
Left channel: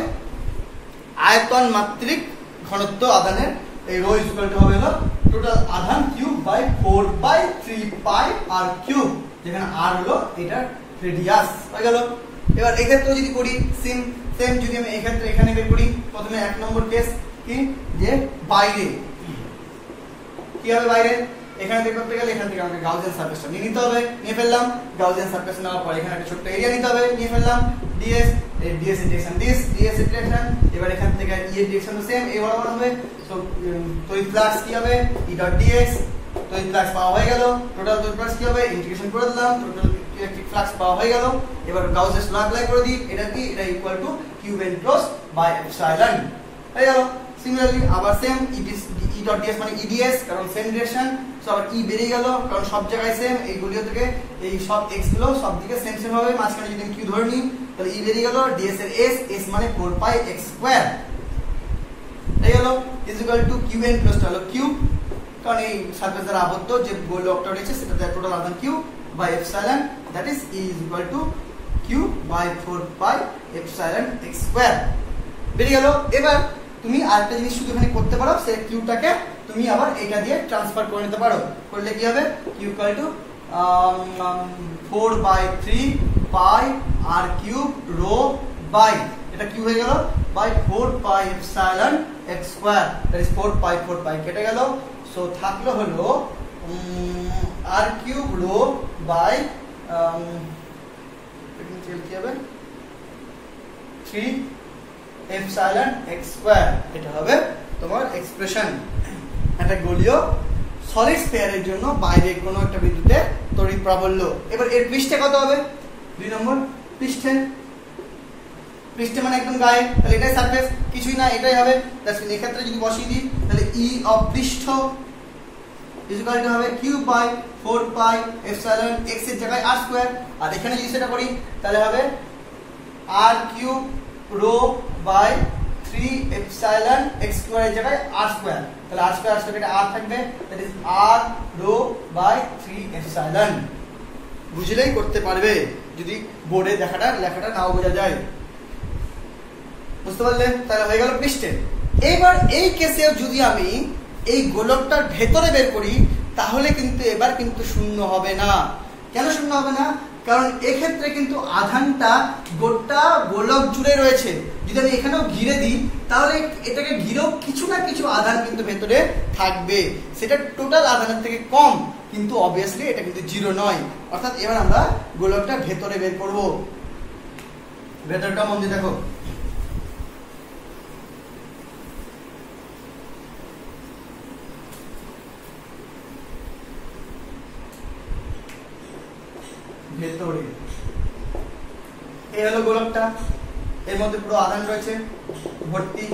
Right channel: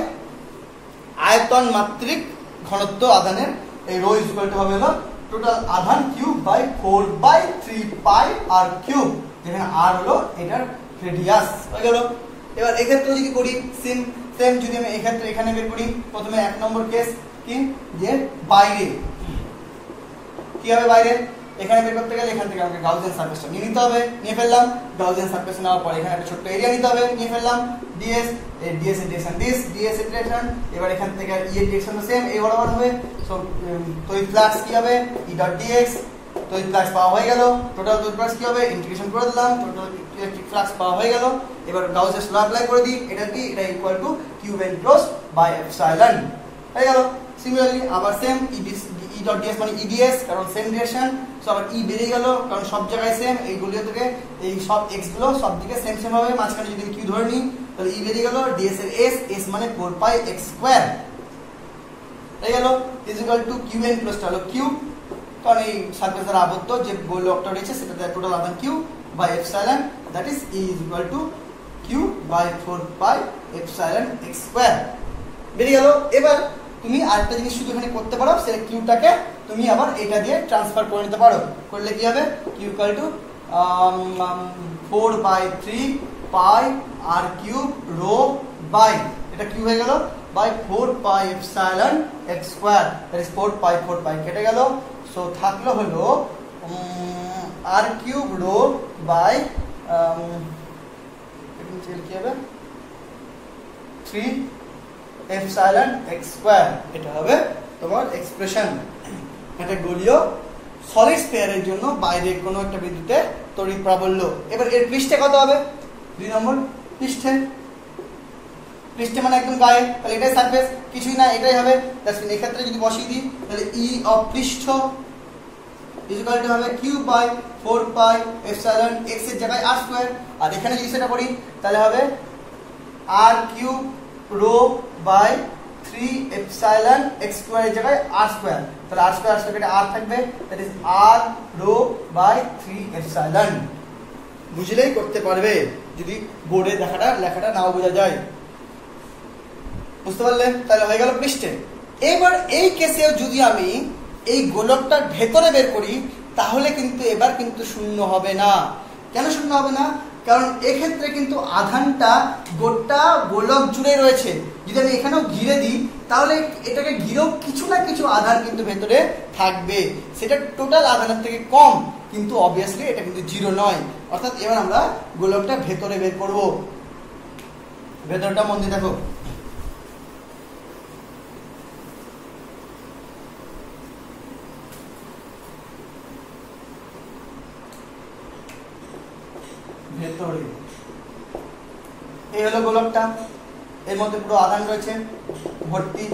আয়তন মাত্রিক ঘনত্ব আধানের। এই রো ইকুয়াল টু হবে হলো টোটাল আধান cube by 4 by 3 pi R cube, যেখানে আর হলো এটার রেডিয়াস। হয়ে গেল। এবার এক্ষেত্রে যদি করি সেম যদি আমি এক্ষেত্রে এখানে বের করি, প্রথমে 1 নম্বর কেস কি, যে বাইরে কি হবে, বাইরে এখানে বের করতে গেলে এখান থেকে আমাকে গাউসিয়ান সারফেসটা নিয়ে নিতে হবে, নিয়ে ফেললাম। গাউসিয়ান সারফেস নেওয়ার পর এখানে একটা ছোট্ট এরিয়া নিতে হবে, নিয়ে ফেললাম। ডিএস এর ডিরেকশন ডিএস এর ডিরেকশন, এবার এখান থেকে ই এর ডিরেকশন সেম, এই বরাবর হবে। সো তড়িৎ ফ্লাক্স কি হবে, ই ডট ডিএক্স, তড়িৎ ফ্লাক্স পাওয়া হয়ে গেল। টোটাল তড়িৎ ফ্লাক্স কি হবে, ইন্টিগ্রেশন করে দিলাম, টোটাল ইলেকট্রিক ফ্লাক্স পাওয়া হয়ে গেল। এবার গাউসের ল অ্যাপ্লাই করে দিই, এটা কি, এটা equal to Q enclosed by epsilon. হয়ে গেল। সিমিলারলি আবার সেম ই ডট ডিএস মানে ইডিএস, কারণ সেম ডিরেকশন, সো আবার ই বেরিয়ে গেল, কারণ সব জায়গায় সেম, এইগুলিও থেকে এই সব এক্স গুলো সব দিকে সেম সেম হবে। মাঝখানে যদি কিউ ধরে নিই তাহলে ই বেরিয়ে গেল, ডিএস এর এস মানে 4 পাই এক্স স্কয়ার হয়ে গেল, is equal to Q enclosed হলো কিউ, কারণ এই সারফেস দ্বারা আবদ্ধ যে গোলকটা রয়েছে সেটা টোটাল আধান Q by epsilon, that is E is equal to Q by 4 pi epsilon x square বেরিয়ে গেল। এবার তুমি আরেকটা জিনিস শুধু এখানে করতে পারো, সেই কিউটাকে তুমি আবার এটা দিয়ে ট্রান্সফার করে নিতে পারো। করলে কি হবে, Q equal to 4 by 3 pi R cube rho by, এটা কিউ হয়ে গেল, by 4 pi epsilon x square, that is 4 pi কেটে গেল। সো থাকলো হলো আর কিউব রো বাই কি হবে 3 এপসাইলন এক্স স্কয়ার, এটা হবে তোমার এক্সপ্রেশন একটা গোলীয় সলিড স্ফিয়ারের জন্য বাইরে কোনো একটা বিন্দুতে তড়িৎ প্রাবল্য। এবার এর পৃষ্ঠে কত হবে, 2 নম্বর পৃষ্ঠে, পৃষ্ঠে মানে একদম গায়ে, তাহলে এটাই সারফেস, কিছুই না এটাই হবে। এই ক্ষেত্রে যদি বসিয়ে দিই তাহলে ই অফ পৃষ্ঠ ইকুয়াল টু হবে Q by 4 pi epsilon X এর জায়গায় আর স্কয়ার, আর এখানে যদি সেটা করি তাহলে হবে r cube rho by 3 epsilon x square এর জায়গায় আর স্কয়ার, তাহলে আর স্কয়ার কেটে আর থাকবে, that is r rho by 3 epsilon. বুঝলেই করতে পারবে, যদি বোর্ডে লেখাটা নাও বোঝা যায়। বুঝতে পারলে? তাহলে হয়ে গেল পৃষ্ঠে। এবার এই কেসে যদি আমি এই গোলকটার ভেতরে বের করি তাহলে কিন্তু এবার কিন্তু শূন্য হবে না। কেন শূন্য হবে না? কারণ এক্ষেত্রে কিন্তু আধানটা গোটা গোলক জুড়ে রয়েছে। যদি আমি এখানেও ঘিরে দিই তাহলে এটাকে ঘিরেও কিছু না কিছু আধান কিন্তু ভেতরে থাকবে, সেটা টোটাল আধানের থেকে কম, কিন্তু অবভিয়াসলি এটা কিন্তু জিরো নয়। অর্থাৎ এবার আমরা গোলকটা ভেতরে বের করব। ভেতরটা মন দিয়ে দেখো, ভেতরে। এই হলো গোলকটা, এর মধ্যে পুরো আধান রয়েছে ভর্তি।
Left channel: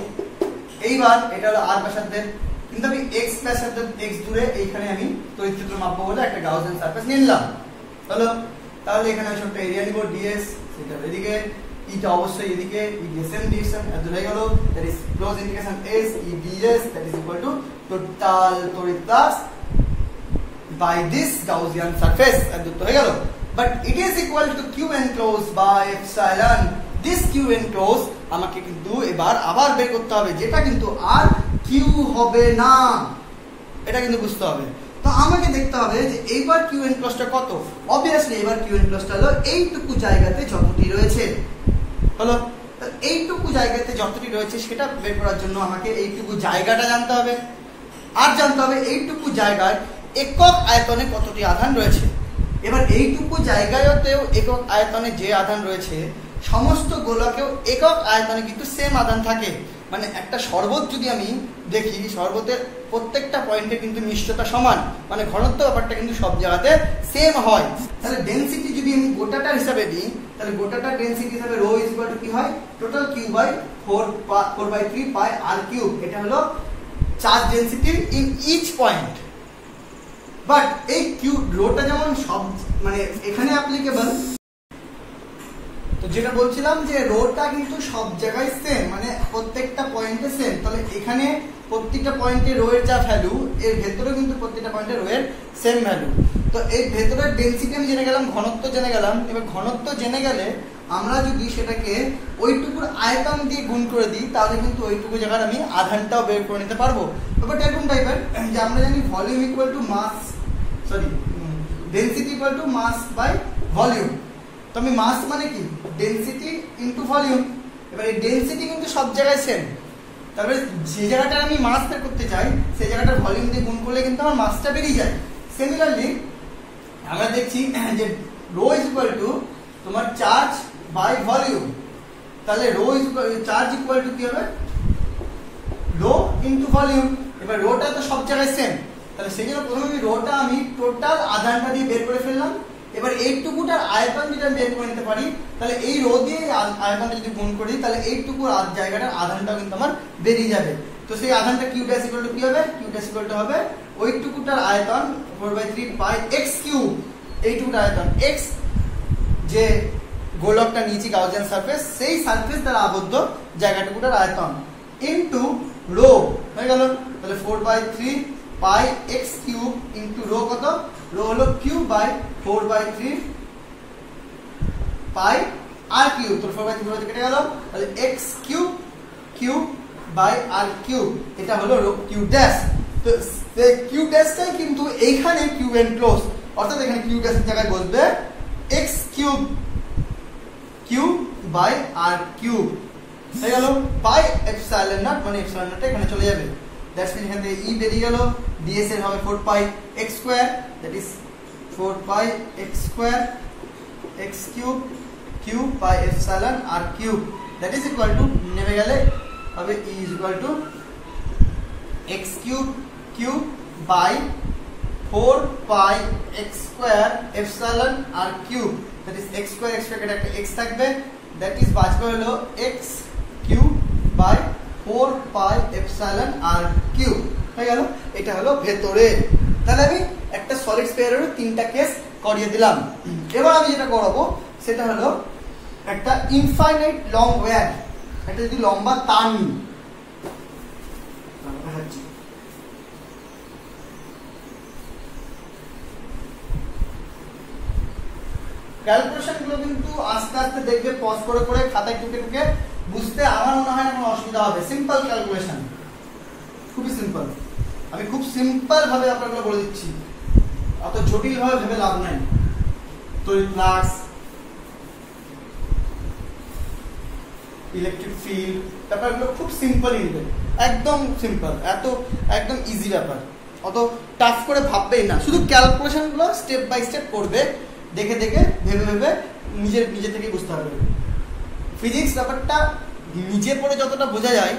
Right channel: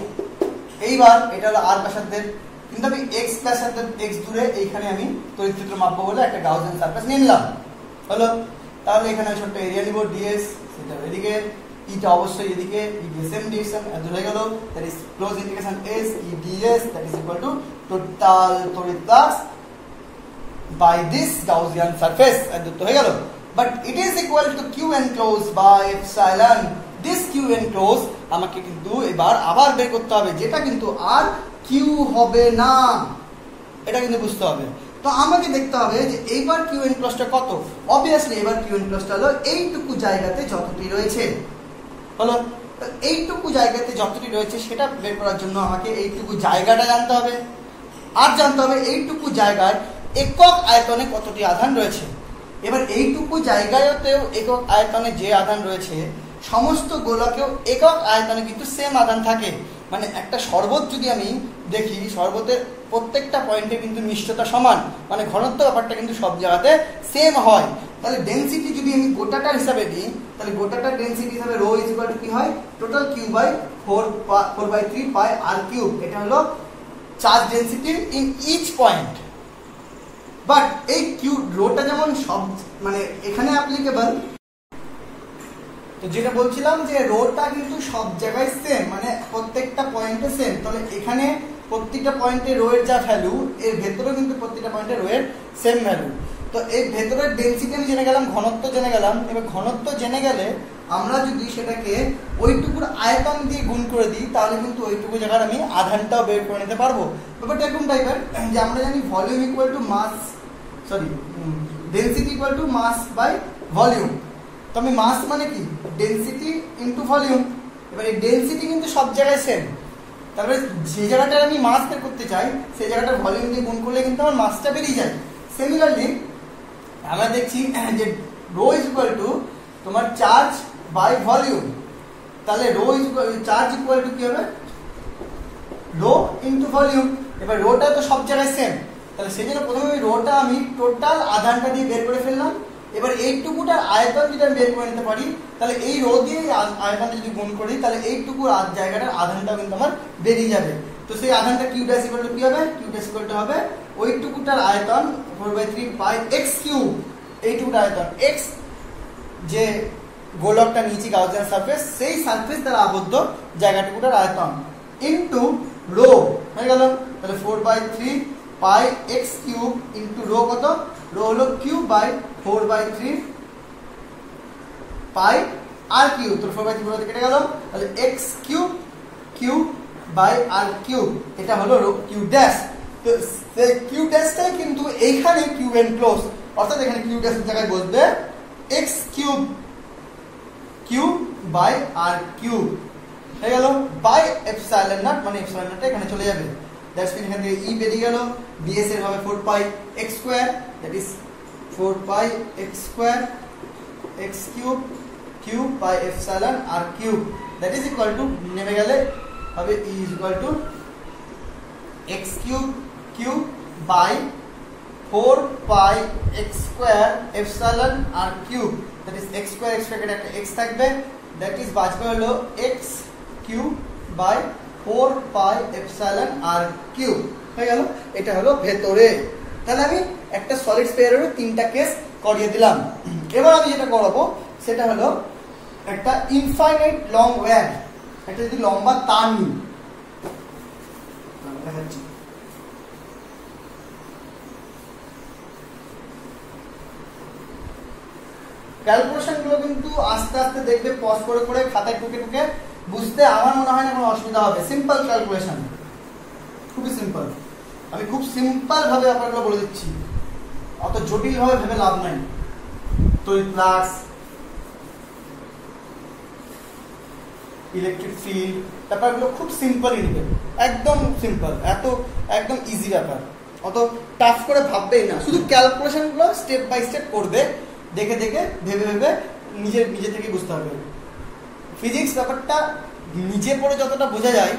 এইবার এটা হলো আর ব্যাসার্ধের, কিন্তু আমি এক্স ব্যাসার্ধের এক্স দূরে এইখানে আমি তড়িৎ ক্ষেত্র মাপবো বলে একটা গাউসিয়ান সারফেস নিলাম। হলো, তাহলে এখানে আমি ছোট্ট এরিয়া নিব ডিএস, সেটা এদিকে ইটা অবশ্যই এদিকে ই সেম ডিরেকশন হয়ে গেল, that is close integration S E d s that is equal to total তড়িৎ flux by this Gaussian surface যুক্ত হয়ে গেল। But it is equal to q enclose by epsilon. This q enclose আমাকে কিন্তু এবার আবার বের করতে হবে, যেটা কিন্তু আর কিউ হবে না, এটা কিন্তু বুঝতে হবে। তো আমাকে দেখতে হবে যে এইবার কিউ এনক্লোজটা কত। অবভিয়াসলি এবার কিউ এনক্লোজটা হলো এইটুকু জায়গাতে যতটি রয়েছে। হলো, তো এইটুকু জায়গাতে যতটি রয়েছে সেটা বের করার জন্য আমাকে এইটুকু জায়গাটা জানতে হবে, আর জানতে হবে এইটুকু জায়গায় একক আয়তনে কতটি আধান রয়েছে। এবার এইটুকু জায়গায়তেও একক আয়তনে যে আধান রয়েছে, সমস্ত গোলকেও একক আয়তনে কিন্তু সেম আধান থাকে। মানে একটা শরবত যদি আমি দেখি, শরবতের প্রত্যেকটা পয়েন্টে কিন্তু মিষ্টতা সমান, মানে ঘনত্ব ব্যাপারটা কিন্তু সব জায়গাতে সেম হয়। তাহলে ডেনসিটি যদি আমি গোটাটার হিসাবে দিই, তাহলে গোটাটার ডেনসিটি হিসাবে রো ইজ ইকুয়াল টু কি হয়, total Q by 4/3 pi R cube. এটা হলো charge density in each point. But এই কিউ রোটা যেমন সব মানে এখানে অ্যাপ্লিকেবল, তো যেটা বলছিলাম যে রোটা কিন্তু সব জায়গায় সেম, মানে প্রত্যেকটা পয়েন্টে সেম। তাহলে এখানে প্রত্যেকটা পয়েন্টে রো এর যা ভ্যালু, এর ভেতরে কিন্তু প্রত্যেকটা পয়েন্টে রো এর সেম ভ্যালু। তো এই ভেতরের ডেনসিটি আমি জেনে গেলাম, ঘনত্ব জেনে গেলাম। এবার ঘনত্ব জেনে গেলে আমরা যদি সেটাকে ওইটুকুর আয়তন দিয়ে গুণ করে দিই, তাহলে কিন্তু ওইটুকু জায়গার আমি আধানটাও বের করে নিতে পারবো। ব্যাপারটা এরকম টাইপের যে আমরা জানি volume equal to mass, sorry density equal to mass by volume. তো আমি মাস মানে কি, ডেনসিটি ইনটু ভলিউম। এবার এই ডেনসিটি কিন্তু সব জায়গায় সেম, তারপরে যে জায়গাটা আমি মাস বের করতে চাই সেই জায়গাটার ভলিউম দিয়ে গুণ করলে কিন্তু আমার মাসটা বেরিয়ে যায়। সিমিলারলি আমরা দেখছি যে রো ইজ ইকুয়াল টু তোমার চার্জ বাই ভলিউম। তাহলে rho is charge equal to কি হবে, রো ইনটু ভলিউম। এবার রোটা তো সব জায়গায় সেম, তাহলে সেই জন্য প্রথমে রোটা আমি টোটাল আধানটা দিয়ে বের করে ফেললাম। এবার এইটুকুটার আয়তন যদি আমি বের করে নিতে পারি, তাহলে এই রো দিয়ে আয়তনটা যদি গুণ করি, তাহলে এইটুকুর জায়গাটার আধানটা কিন্তু আমার বেরিয়ে যাবে। তো সেই আধানটা কিউ ড্যাশ ইকুয়াল টু কি হবে, কিউ ড্যাশ ইকুয়াল টু হবে ওইটুকুটার আয়তন 4/3 পাই এক্স কিউব। এইটুকুটার আয়তন এক্স, যে গোলকটা নিয়েছি গাউসিয়ান সারফেস, সেই সারফেস দ্বারা আবদ্ধ জায়গাটুকুটার আয়তন ইনটু রো হয়ে গেল। তাহলে 4/3 pi X cube into rho কত, রো হলো Q by 4/3 pi R cube. তো 4/3 কেটে গেল, তাহলে X cube cube by R cube, এটা হলো রো কিউ ড্যাশ। তো সেই কিউ ড্যাশটাই কিন্তু এইখানে কিউ এনক্লোজ, অর্থাৎ এখানে কিউ ড্যাশের জায়গায় বসবে X cube cube by R cube হয়ে গেল বাই এপসাইলন নট, মানে এপসাইলন নটটা এখানে চলে যাবে। দ্যাটস মিন এখান থেকে ই বেরিয়ে গেল, ডিএস এর হবে 4 pi x square, that is 4 pi x square x cube cube by epsilon r cube, that is equal to নেমে গেলে হবে E is equal to x cube cube by 4 pi x square epsilon r cube, that is x square x square একটা x থাকবে, that is বাঁচবে হলো x cube by 4 pi epsilon r cube হয়ে গেল। এটা হলো ভেতরে। তাহলে আমি একটা সলিড স্ফিয়ারের তিনটা কেস করিয়ে দিলাম। এবার আমি যেটা করাবো সেটা হলো একটা ইনফাইনাইট লং ওয়্যার, একটা যদি লম্বা তার নিই, ক্যালকুলেশন গুলো কিন্তু আস্তে আস্তে দেখবে পজ করে করে খাতায় টুকে টুকে বুঝতে আমার মনে হয় না কোনো অসুবিধা হবে। সিম্পল ক্যালকুলেশন, খুবই সিম্পল। আমি খুব সিম্পল ভাবে আপনাগুলো বলে দিচ্ছি, অত জটিল ভাবে ভেবে লাভ নাই। তড়িৎ ফ্লাক্স, ইলেকট্রিক ফিল্ড, ব্যাপারগুলো খুব সিম্পল, একদম সিম্পল, এত একদম ইজি ব্যাপার, অত টাফ করে ভাববেই না। শুধু ক্যালকুলেশন গুলো স্টেপ বাই স্টেপ করবে, দেখে দেখে ভেবে ভেবে নিজে থেকে বুঝতে পারবে। ফিজিক্স ব্যাপারটা নিজে পড়ে যতটা বোঝা যায়,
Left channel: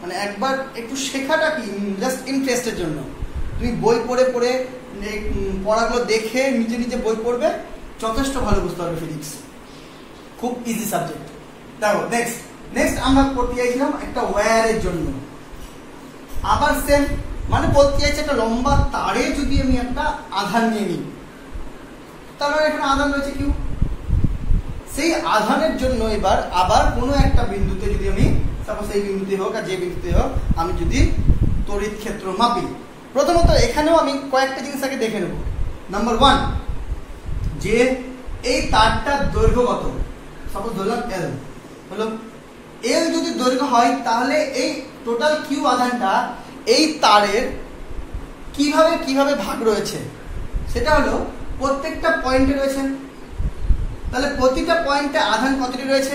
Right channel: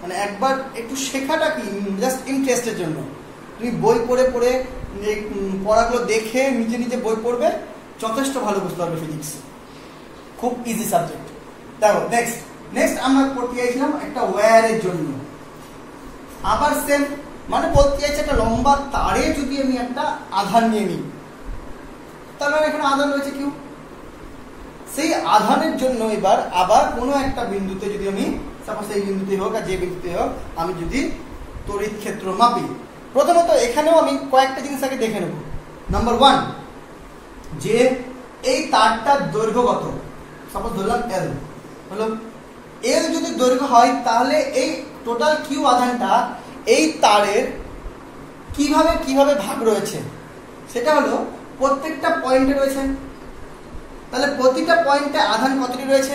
মানে একবার একটু শেখাটা কি জাস্ট ইন্টারেস্টের জন্য। তুমি বই পড়ে পড়ে পড়াগুলো দেখে নিজে নিজে বই পড়বে, যথেষ্ট ভালো বুঝতে পারবে ফিজিক্স, খুব ইজি সাবজেক্ট। দেখো নেক্সট আমরা পড়তে চাইছিলাম একটা ওয়্যারের জন্য, আবার সেম, মানে বলতে চাইছি একটা লম্বা তারে যদি আমি একটা আধান নিয়ে নিই, তাহলে এখানে আধান রয়েছে কিউ, সেই আধানের জন্য এবার আবার কোনো একটা বিন্দুতে যদি আমি সাপোজ এই বিন্দুতে হোক আর যে বিন্দুতে হোক আমি যদি তড়িৎ ক্ষেত্র মাপি, প্রথমত এখানেও আমি কয়েকটা জিনিস আগে দেখে নেব। নাম্বার 1, যে এই তারটার দৈর্ঘ্য কত, সাপোজ ধরলাম এল, হলো এল যদি দৈর্ঘ্য হয় তাহলে এই টোটাল কিউ আধানটা এই তারের কিভাবে ভাগ রয়েছে, সেটা হলো প্রত্যেকটা পয়েন্টে রয়েছে। তাহলে প্রতিটা পয়েন্টে আধান কতটি রয়েছে,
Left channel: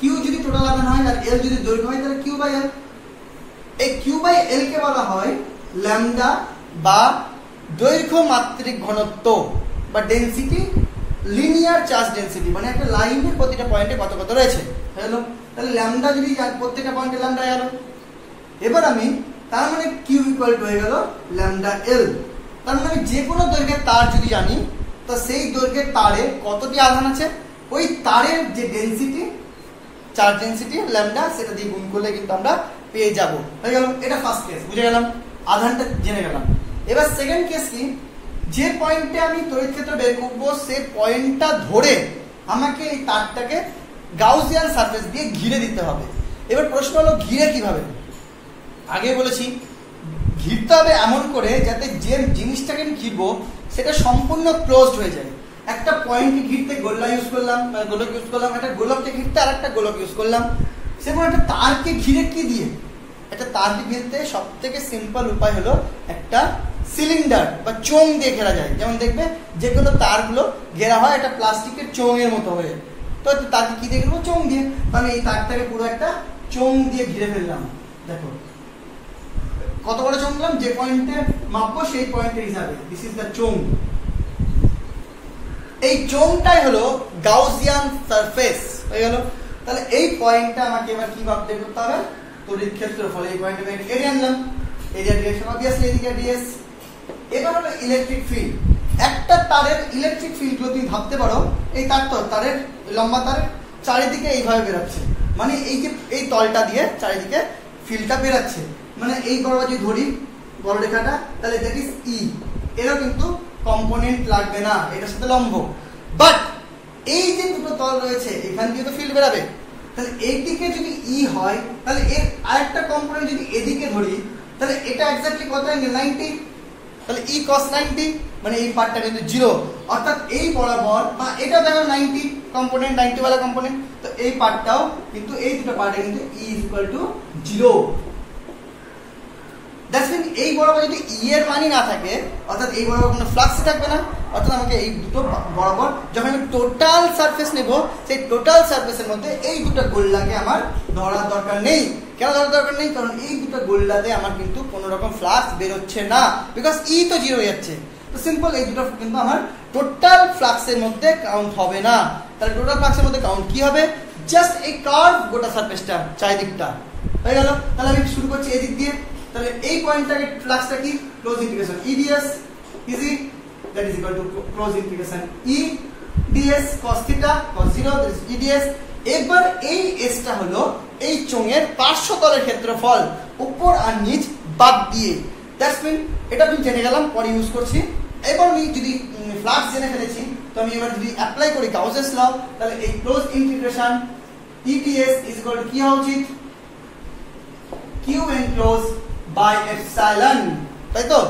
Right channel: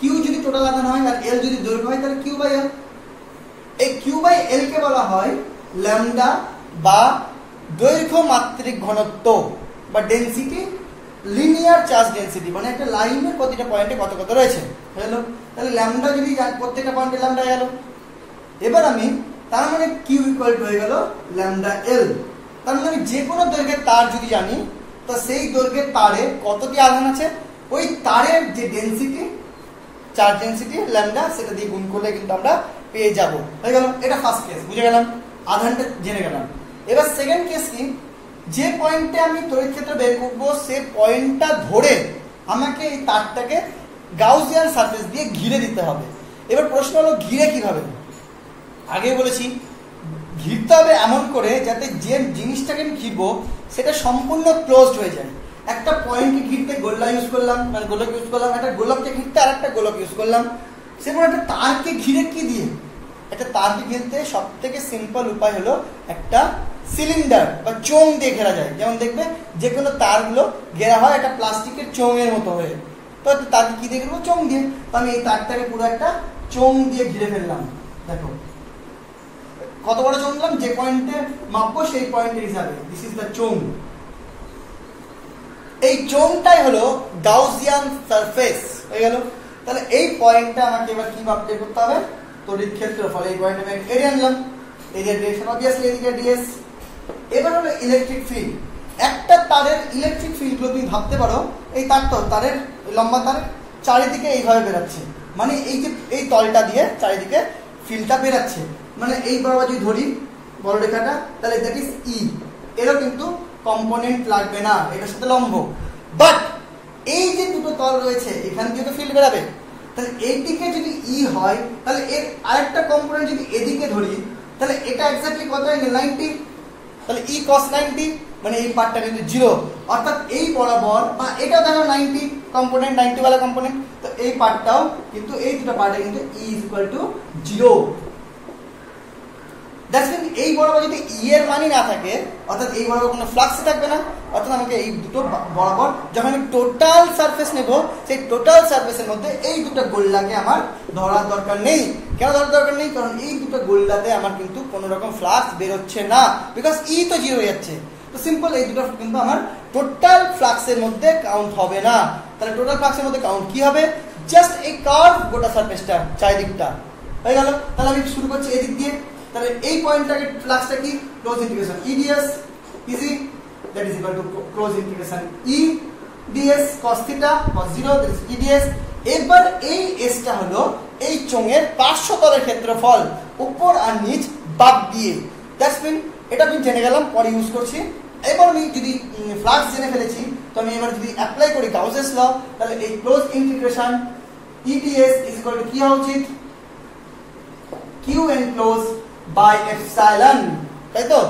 কিউ যদি টোটাল আধান হয় আর এল যদি দৈর্ঘ্য হয় তাহলে কিউ বাই এল। এই কিউ বাই এল কে বলা হয় ল্যামডা বা দৈর্ঘ্য মাত্রিক ঘনত্ব বা ডেনসিটি, লিনিয়ার চার্জ ডেনসিটি, মানে একটা লাইনের প্রতিটা পয়েন্টে কত কত রয়েছে। হলো তাহলে ল্যামডা যদি প্রত্যেকটা পয়েন্টে ল্যামডা গেল, এবার আমি তার মানে কিউ ইকুয়াল টু হয়ে গেল ল্যামডা এল। তার মানে আমি যে কোনো দৈর্ঘ্যের তার যদি জানি তো সেই দৈর্ঘ্যের তারে কতটি আধান আছে, ওই তারের যে ডেনসিটি, চার্জ ডেনসিটি ল্যামডা, সেটা দিয়ে গুণ করলে কিন্তু আমরা পেয়ে যাব। হয়ে গেল, এটা ফার্স্ট কেস, বুঝে গেলাম, আধানটা জেনে গেলাম। এবার সেকেন্ড কেস কি, যে পয়েন্টে আমি তড়িৎ ক্ষেত্র বের করবো সেই পয়েন্টটা ধরে আমাকে এই তারটাকে গাউসিয়ান সারফেস দিয়ে ঘিরে দিতে হবে। এবার প্রশ্ন হলো ঘিরে কিভাবে, আগে বলেছি ঘিরতে হবে এমন করে যাতে যে জিনিসটাকে আমি ঘিরবো সেটা সম্পূর্ণ ক্লোজড হয়ে যায়। একটা পয়েন্টকে ঘিরতে গোল্লা ইউজ করলাম, মানে গোলক ইউজ করলাম, একটা গোলককে ঘিরতে আর একটা গোলক ইউজ করলাম। সেরকম একটা তারকে ঘিরে কি দিয়ে, একটা তারকে ঘিরতে সব থেকে সিম্পল উপায় হলো একটা সিলিন্ডার বা চোঙ দিয়ে ঘেরা যায়। যেমন দেখবে যে কোনো তারগুলো ঘেরা হয় একটা প্লাস্টিকের চোঙের মতো হয়ে, তো তারকে কি দিয়ে ঘিরবো, চোঙ দিয়ে। তো আমি এই তারটাকে পুরো একটা চোঙ দিয়ে ঘিরে ফেললাম। দেখো কত বড় চোঙ দিলাম, যে পয়েন্টে মাপবো সেই পয়েন্টের হিসাবে, দিস ইজ দ্য চোঙ। এই চোঙটাই হলো গাউসিয়ান সারফেস, হয়ে গেল। তাহলে এই পয়েন্টটা আমাকে এবার কি মাপতে করতে হবে, তড়িৎ ক্ষেত্রফল। এই পয়েন্টে আমি এরিয়া নিলাম, এরিয়া ডিরেকশন অবভিয়াসলি এদিকে ডিএস। এবার হলো ইলেকট্রিক ফিল্ড। একটা তারের ইলেকট্রিক ফিল্ড গুলো তুমি ভাবতে পারো এই তারটা, তারের লম্বা তার চারিদিকে এইভাবে বেরাচ্ছে, মানে এই যে এই তলটা দিয়ে চারিদিকে ফিল্ডটা বেরাচ্ছে, মানে এই বরাবর যদি ধরি বড় রেখাটা, তাহলে দ্যাট ইজ ই। এরও কিন্তু কম্পোনেন্ট লাগবে না, এটার সাথে লম্ব। বাট এই যে দুটো তল রয়েছে এখান থেকে তো ফিল্ড বেরাবে, তাহলে এইদিকে যদি ই হয় তাহলে এর আরেকটা কম্পোনেন্ট যদি এদিকে ধরি তাহলে এটা এক্স্যাক্টলি কত অ্যাঙ্গেল, 90। তাহলে ই cos 90, মানে এই পার্টটা কিন্তু 0, অর্থাৎ এই বরাবর, বা এটা দেখো 90 কম্পোনেন্ট, 90 वाला কম্পোনেন্ট, তো এই পার্টটাও কিন্তু এই দুটো পার্টে কিন্তু E equal to 0। That's mean এই বরাবর যদি ই এর মানই না থাকে, অর্থাৎ এই বরাবর কোনো ফ্লাক্স থাকবে না, অর্থাৎ আমাকে এই দুটো বরাবর যখন আমি টোটাল সারফেস নেব, সেই টোটাল সারফেসের মধ্যে এই দুটো গোল্লাকে আমার ধরার দরকার নেই। কেন ধরার দরকার নেই, কারণ এই দুটো গোল্লাতে আমার কিন্তু কোনো রকম ফ্লাক্স বেরোচ্ছে না, বিকজ ই তো 0 হয়ে যাচ্ছে। তো সিম্পল, এই দুটো কিন্তু আমার টোটাল ফ্লাক্সের মধ্যে কাউন্ট হবে না। তাহলে টোটাল ফ্লাক্সের মধ্যে কাউন্ট কি হবে, জাস্ট এই কার্ভ গোটা সারফেসটা চারিদিকটা, হয়ে গেল। তাহলে আমি শুরু করছি এদিক দিয়ে। তাহলে এই পয়েন্টটাকে ফ্লাক্সটা কি, close integration E DS easy, that is equal two close integration E DS cos theta cos 0, that is E DS. এবার এই এসটা হলো এই চোঙের পার্শ্বতলের ক্ষেত্রফল, উপর আর নিচ বাদ দিয়ে। দ্যাটস মিন এটা আমি জেনে গেলাম, পরে ইউজ করছি। এবার আমি যদি ফ্লাক্স জেনে ফেলেছি, তো আমি এবার যদি অ্যাপ্লাই করি গাউসেস ল, তাহলে এই close integration E DS is equal to কি হওয়া উচিত, কিউ এনক্লোজ বাই এপসাইলন, তাই তো।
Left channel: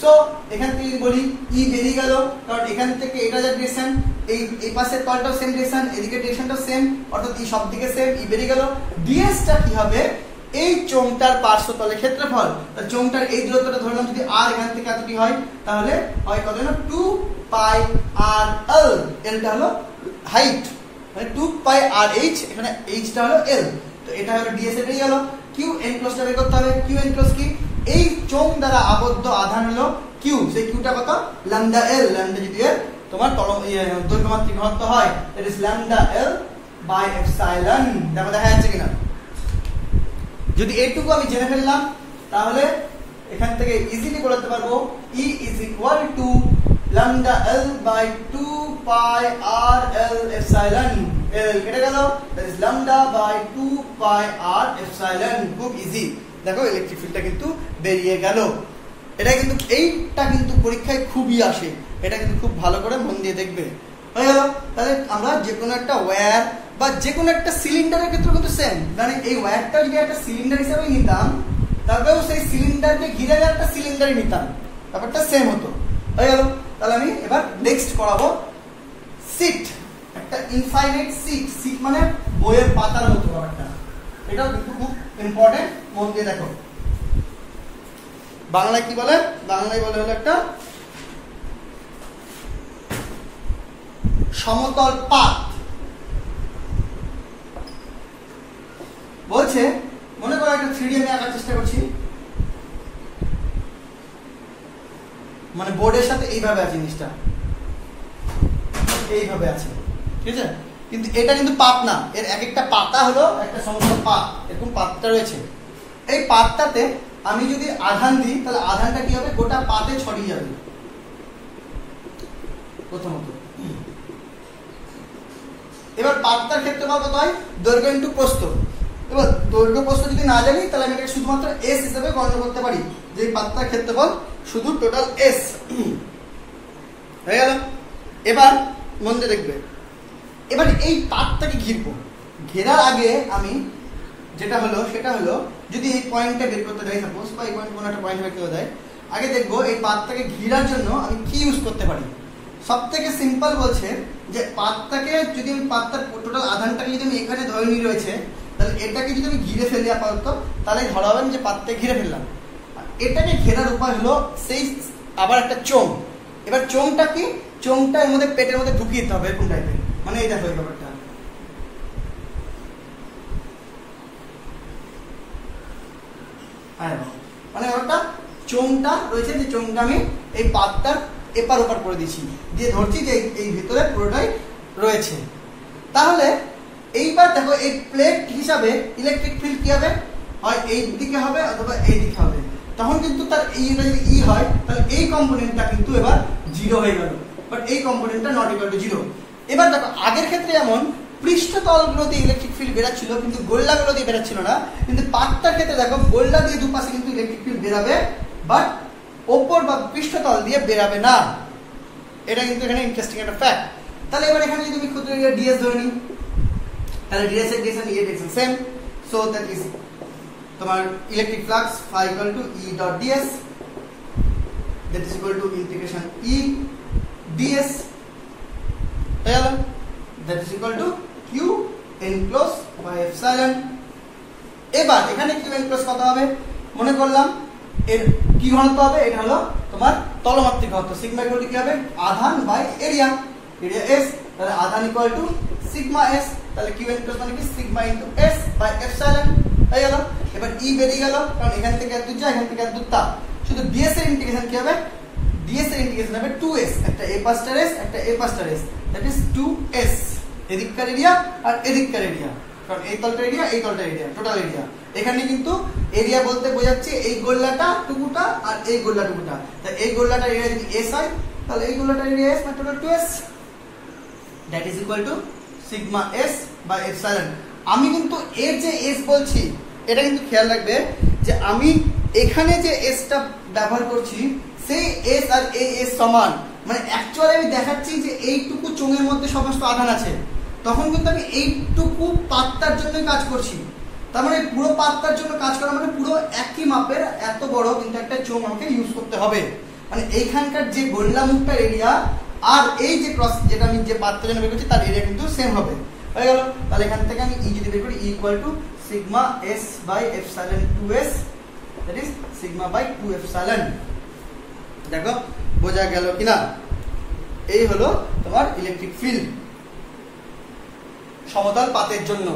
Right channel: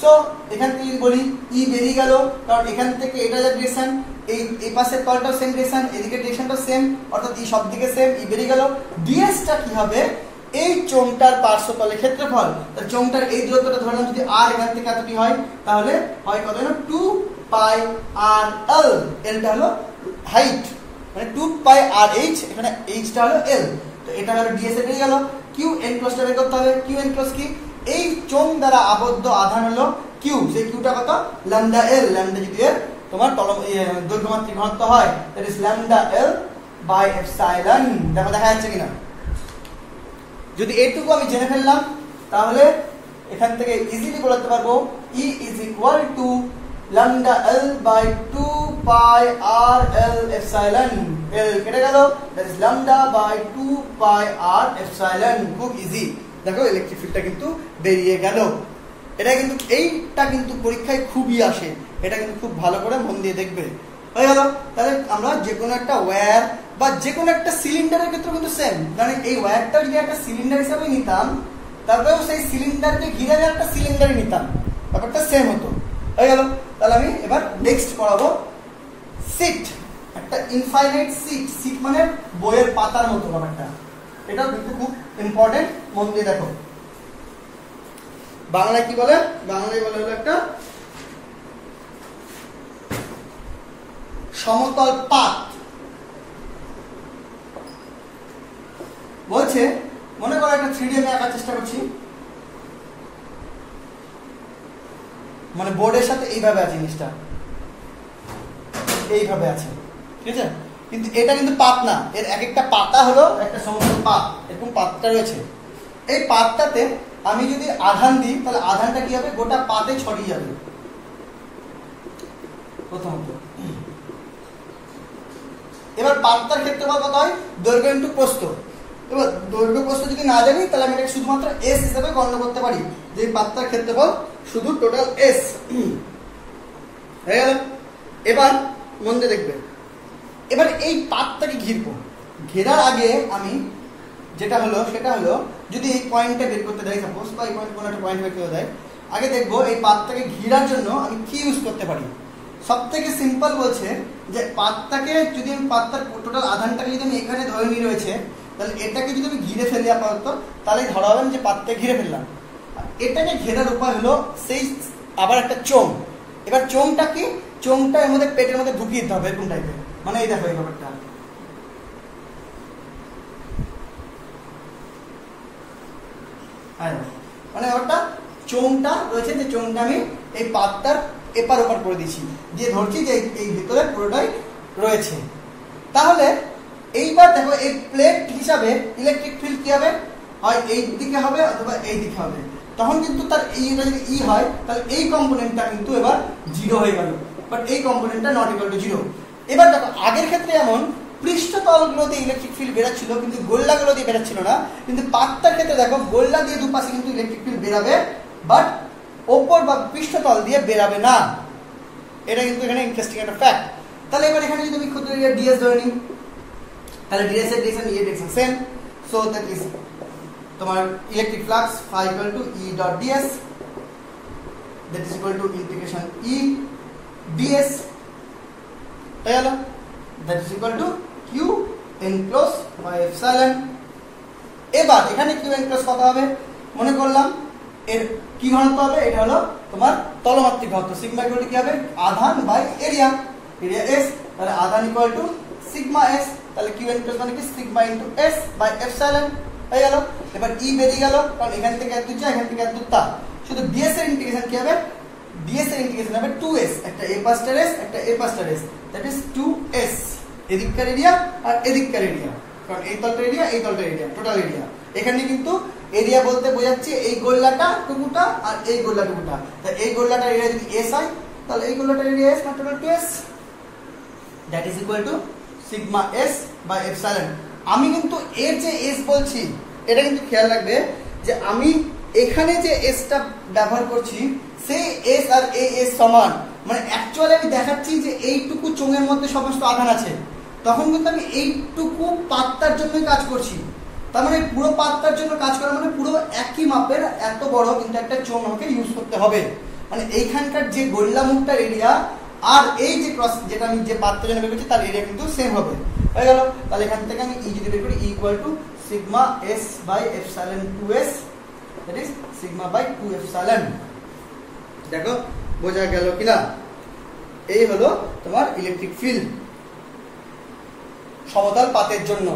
সো এখান থেকে বলি ই বেরিয়ে গেল, কারণ এখান থেকে এটা যে ডিরেকশন, এই পাশের তলটাও সেম ডিরেকশন, এদিকে ডিরেকশনটাও সেম, অর্থাৎ ই সব দিকে সেম, ই বেরিয়ে গেল। ডিএস টা কি হবে, এই চোঙটার পার্শ্বতলের ক্ষেত্রফল। তাহলে চোঙটার এই দূরত্বটা ধরলাম যদি আর এখান থেকে এতটি হয়, তাহলে হয় কত হলো 2 পাই আর এল, এলটা হলো হাইট, মানে 2 পাই আর এইচ, এখানে এইচটা হলো এল। তো এটা হলো ডিএস এ বেরিয়ে গেল। কিউ এনক্লোজটা বের করতে হবে। কিউ এনক্লোজ কি, এই চোঙ দ্বারা আবদ্ধ আধান হলো কিউ, সেই কিউটা কত, ল্যামডা এল। ল্যামডা যদি তোমার দৈর্ঘ্যমাত্রিক ঘনত্ব হয়, that is lambda L by epsilon. দেখো দেখা যাচ্ছে কিনা, যদি এইটুকু আমি জেনে ফেললাম তাহলে এখান থেকে ইজিলি বলতে পারবো E is equal to lambda L by 2 pi r L epsilon, L কেটে গেল, that is lambda by 2 pi r epsilon. খুব ইজি, দেখো ইলেকট্রিক ফিল্ডটা কিন্তু বেরিয়ে গেল। এটা কিন্তু এইটা কিন্তু পরীক্ষায় খুবই আসে, এটা কিন্তু খুব ভালো করে মন দিয়ে দেখবে। হয়ে গেল। তাহলে আমরা যে কোনো একটা ওয়্যার বা যে কোনো একটা সিলিন্ডারের ক্ষেত্রে কিন্তু সেম, মানে এই ওয়্যারটা যদি একটা সিলিন্ডার হিসাবে নিতাম, তারপরেও সেই সিলিন্ডারকে ঘিরে একটা সিলিন্ডারই নিতাম, ব্যাপারটা সেম হতো। হয়ে গেল। তাহলে আমি এবার নেক্সট পড়াবো সিট, একটা ইনফাইনাইট সিট। সিট মানে বইয়ের পাতার মতো ব্যাপারটা, এটাও কিন্তু খুব ইম্পর্টেন্ট, মন দিয়ে দেখো। বাংলায় কি বলে? বাংলায় বলে হলো একটা সমতল পাত। বলছে মনে করো একটা 3D আমি আঁকার চেষ্টা করছি, মানে বোর্ডের সাথে এইভাবে আছে জিনিসটা, এইভাবে আছে, ঠিক আছে? কিন্তু এটা কিন্তু পাত না, এর এক একটা পাতা হলো একটা সমতল পাত, এরকম পাতটা রয়েছে। এই পাতটাতে আমি যদি আধান দিই, তাহলে আধানটা কি হবে? গোটা পাতে ছড়িয়ে যাবে প্রথমত। এবার পাতটার ক্ষেত্রফল কত হয়? দৈর্ঘ্য ইন্টু প্রস্থ। এবার দৈর্ঘ্য প্রস্থ যদি না জানি, তাহলে আমি এটাকে শুধুমাত্র এস হিসেবে গণনা করতে পারি, যে পাতটার ক্ষেত্রফল শুধু টোটাল এস। হয়ে গেল। এবার মন দিয়ে দেখবে, এবার এই পাতটাকে ঘিরবো। ঘেরার আগে আমি যেটা হলো সেটা হলো, যদি এই পয়েন্টটা বের করতে দেয় সাপোজ, বা এই পয়েন্ট কোনো একটা পয়েন্ট বের করতে দেয়, আগে দেখবো এই পাতটাকে ঘিরার জন্য আমি কি ইউজ করতে পারি। সব থেকে সিম্পল বলছে যে পাতটাকে যদি আমি পাতটার টোটাল আধানটাকে যদি আমি এখানে ধরে নিয়ে রয়েছে, তাহলে এটাকে যদি আমি ঘিরে ফেলি আপাতত, তাহলে ধরা হবে যে পাতটা ঘিরে ফেললাম। এটাকে ঘেরার উপায় হলো সেই আবার একটা চোঙ। এবার চোঙটা কি? চোঙটা এর মধ্যে পেটের মধ্যে ঢুকিয়ে দিতে হবে এরকম টাইপের, মানে এই দেখো এই ব্যাপারটা, মানে ব্যাপারটা চোঙটা রয়েছে, যে চোঙটা আমি এই পাতটার এপার ওপার করে দিচ্ছি, দিয়ে ধরছি যে এই ভিতরে পুরোটাই রয়েছে। তাহলে এইবার দেখো এই প্লেট হিসাবে ইলেকট্রিক ফিল্ড কি হবে? হয় এই দিকে হবে অথবা এই দিকে হবে। তখন কিন্তু তার এইটা যদি ই হয়, তাহলে এই কম্পোনেন্টটা কিন্তু এবার জিরো হয়ে গেল, বাট এই কম্পোনেন্টটা নট ইকুয়াল টু জিরো। এবার দেখো আগের ক্ষেত্রে যেমন পৃষ্ঠতলগুলোতে ইলেকট্রিক ফিল্ড বেরাচ্ছিল, কিন্তু গোল্লাগুলো দিয়ে বেরাচ্ছিল না, কিন্তু পাতটার ক্ষেত্রে দেখো গোল্লা দিয়ে দুপাশে কিন্তু ইলেকট্রিক ফিল্ড বেরাবে, বাট ওপর বা পৃষ্ঠতল দিয়ে বেরাবে না। এটা কিন্তু এখানে ইন্টারেস্টিং একটা ফ্যাক্ট। তাহলে এবার এখানে যদি আমি ক্ষুদ্র এরিয়া ডিএস ধরে নিই, তাহলে ডিএস এর ডিরেকশন এর direction same, so that is তোমার electric flux phi equal to E dot ds, that is equal to integration E ds, হয়ে গেল, that is equal to Q enclosed by epsilon। এবার এখানে Q enclosed কত হবে? মনে করলাম এর কি ঘনত্ব হবে? এটা হলো তোমার তলমাত্রিক ঘনত্ব, সিগমা ইকুয়াল টু কি হবে? আধান বাই এরিয়া, এরিয়া S, তাহলে আধান ইকুয়াল টু সিগমা S, তাহলে Q enclosed মানে কি? Sigma into S by epsilon. হয়ে গেল। এবার E বেরিয়ে গেল, কারণ এখান থেকে এত যা, এখান থেকে এত তা। শুধু ds এর ইন্টিগ্রেশন কি হবে? ds এর ইন্টিগ্রেশন হবে 2s, একটা a পাস্টার s, একটা a পাস্টার s, দ্যাট ইজ 2s। এদিককার এরিয়া আর এদিককার এরিয়া, কারণ এই তলটার এরিয়া এই তলটার এরিয়া, টোটাল এরিয়া। এখানে কিন্তু এরিয়া বলতে বোঝাচ্ছে এই গোল্লাটা টুকুটা আর এই গোল্লা টুকুটা। তাই এই গোল্লাটার এরিয়া যদি s হয়, তাহলে এই গোল্লাটার এরিয়া s মানে total 2s, that is equal to sigma s by epsilon. আমি কিন্তু এর যে s বলছি, এটা কিন্তু খেয়াল রাখবে যে আমি এখানে যে s টা ব্যবহার করছি, সেই s আর এই s সমান, মানে অ্যাকচুয়ালি আমি দেখাচ্ছি যে এইটুকু চোঙের মধ্যে সমস্ত আধান আছে, তখন কিন্তু আমি এইটুকু পাতটার জন্যই কাজ করছি। তার মানে পুরো পাতটার জন্য কাজ করা মানে পুরো একই মাপের এত বড় কিন্তু একটা চোঙ আমাকে ইউজ করতে হবে। মানে এইখানকার যে গোল্লা মুখটার এরিয়া আর এই যে ক্রস যেটা আমি যে পাতটার জন্য বের করছি তার এরিয়া কিন্তু সেম হবে। হয়ে গেল। তাহলে এখান থেকে আমি ই যদি বের করি, E equal to sigma s by epsilon 2s, that is sigma by 2 epsilon. দেখো বোঝা গেল কিনা? এই হলো তোমার ইলেকট্রিক ফিল্ড সমতল পাতের জন্য,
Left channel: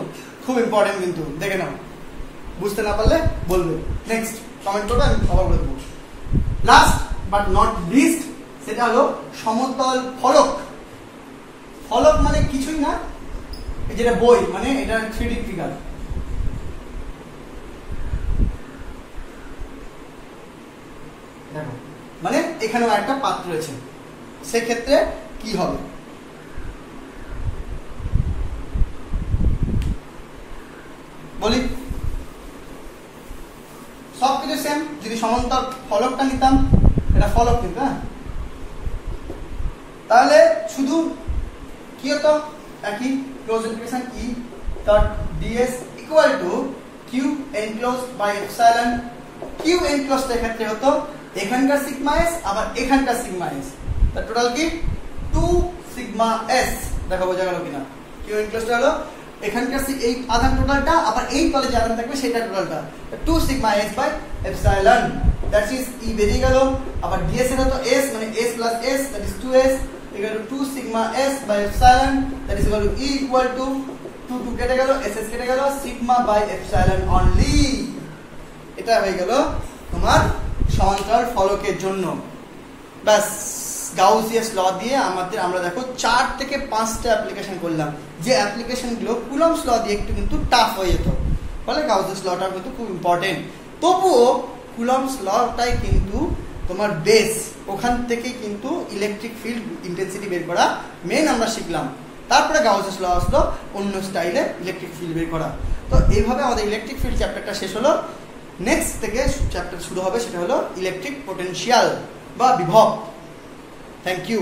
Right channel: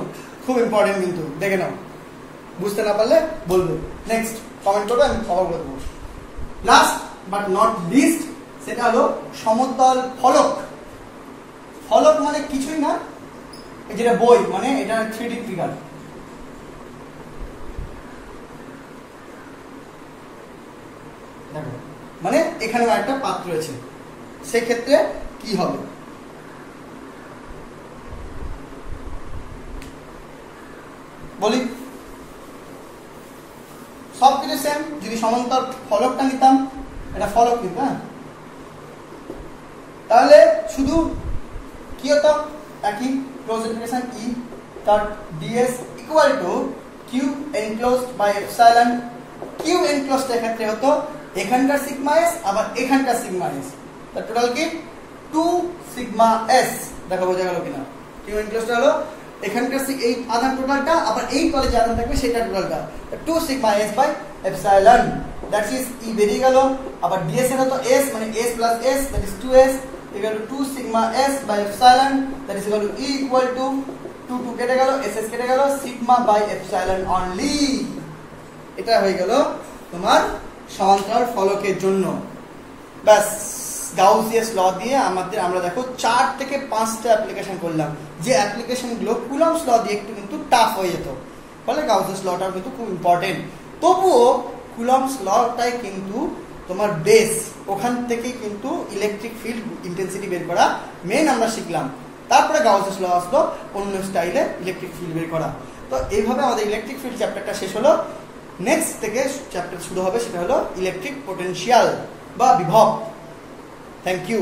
খুব ইম্পর্টেন্ট কিন্তু দেখে নাও, বুঝতে না পারলে বলবে, নেক্সট কমেন্ট করবে, আমি কভার করে দেবো। লাস্ট বাট নট লিস্ট, সেটা হলো সমতল ফলক। ফলক মানে কিছুই না, যেটা বই, মানে এটা 3D ফিগার। দেখো মানে এখানেও একটা পাত রয়েছে, সেক্ষেত্রে কি হবে? বলি সবকিছু সেম। যদি সমান্তর ফলকটা নিতাম, এটা ফলক কিন্তু, হ্যাঁ, তাহলে শুধু কি হতো, একই close integration E dot d s equal to Q enclosed by epsilon. Q enclosed এর ক্ষেত্রে হতো এখানকার সিগমা এস আবার এখানকার সিগমা এস, তার টোটাল কি 2 সিগমা এস। দেখো বোঝা গেল কিনা? কিউ এনক্লোজড হলো এখানকার এই আধান টোটালটা, আবার এই তলে যে আধান থাকবে সেটা টোটালটা 2 sigma S by epsilon. That is E বেরিয়ে গেল। আবার ডিএস এর হতো এস, মানে S plus S, that is 2s equal to 2 sigma s by epsilon, that is equal to e equal to 2 কেটে গেল, ss কেটে গেল, sigma by epsilon only। এটা হয়ে গেল তোমার সমান্তরাল ফলকের জন্য। ব্যাস, গাউসিয়াস ল দিয়ে আমরা দেখো 4 থেকে 5টা অ্যাপ্লিকেশন করলাম, যে অ্যাপ্লিকেশন গুলো কুলম্বস ল দিয়ে একটু কিন্তু টাফ হয়ে যেত, ফলে গাউসিয়াস লটাও কিন্তু খুব ইম্পর্টেন্ট। তবুও কুলম্বস লটাই কিন্তু তোমার বেস, ওখান থেকে কিন্তু ইলেকট্রিক ফিল্ড ইন্টেন্সিটি বের করা মেন আমরা শিখলাম। তারপরে গাউসিয়াস ল আসলো অন্য স্টাইলে ইলেকট্রিক ফিল্ড বের করা। তো এইভাবে আমাদের ইলেকট্রিক ফিল্ড চ্যাপ্টারটা শেষ হলো। নেক্সট থেকে চ্যাপ্টার শুরু হবে, সেটা হলো ইলেকট্রিক পোটেনশিয়াল বা বিভব। Thank you.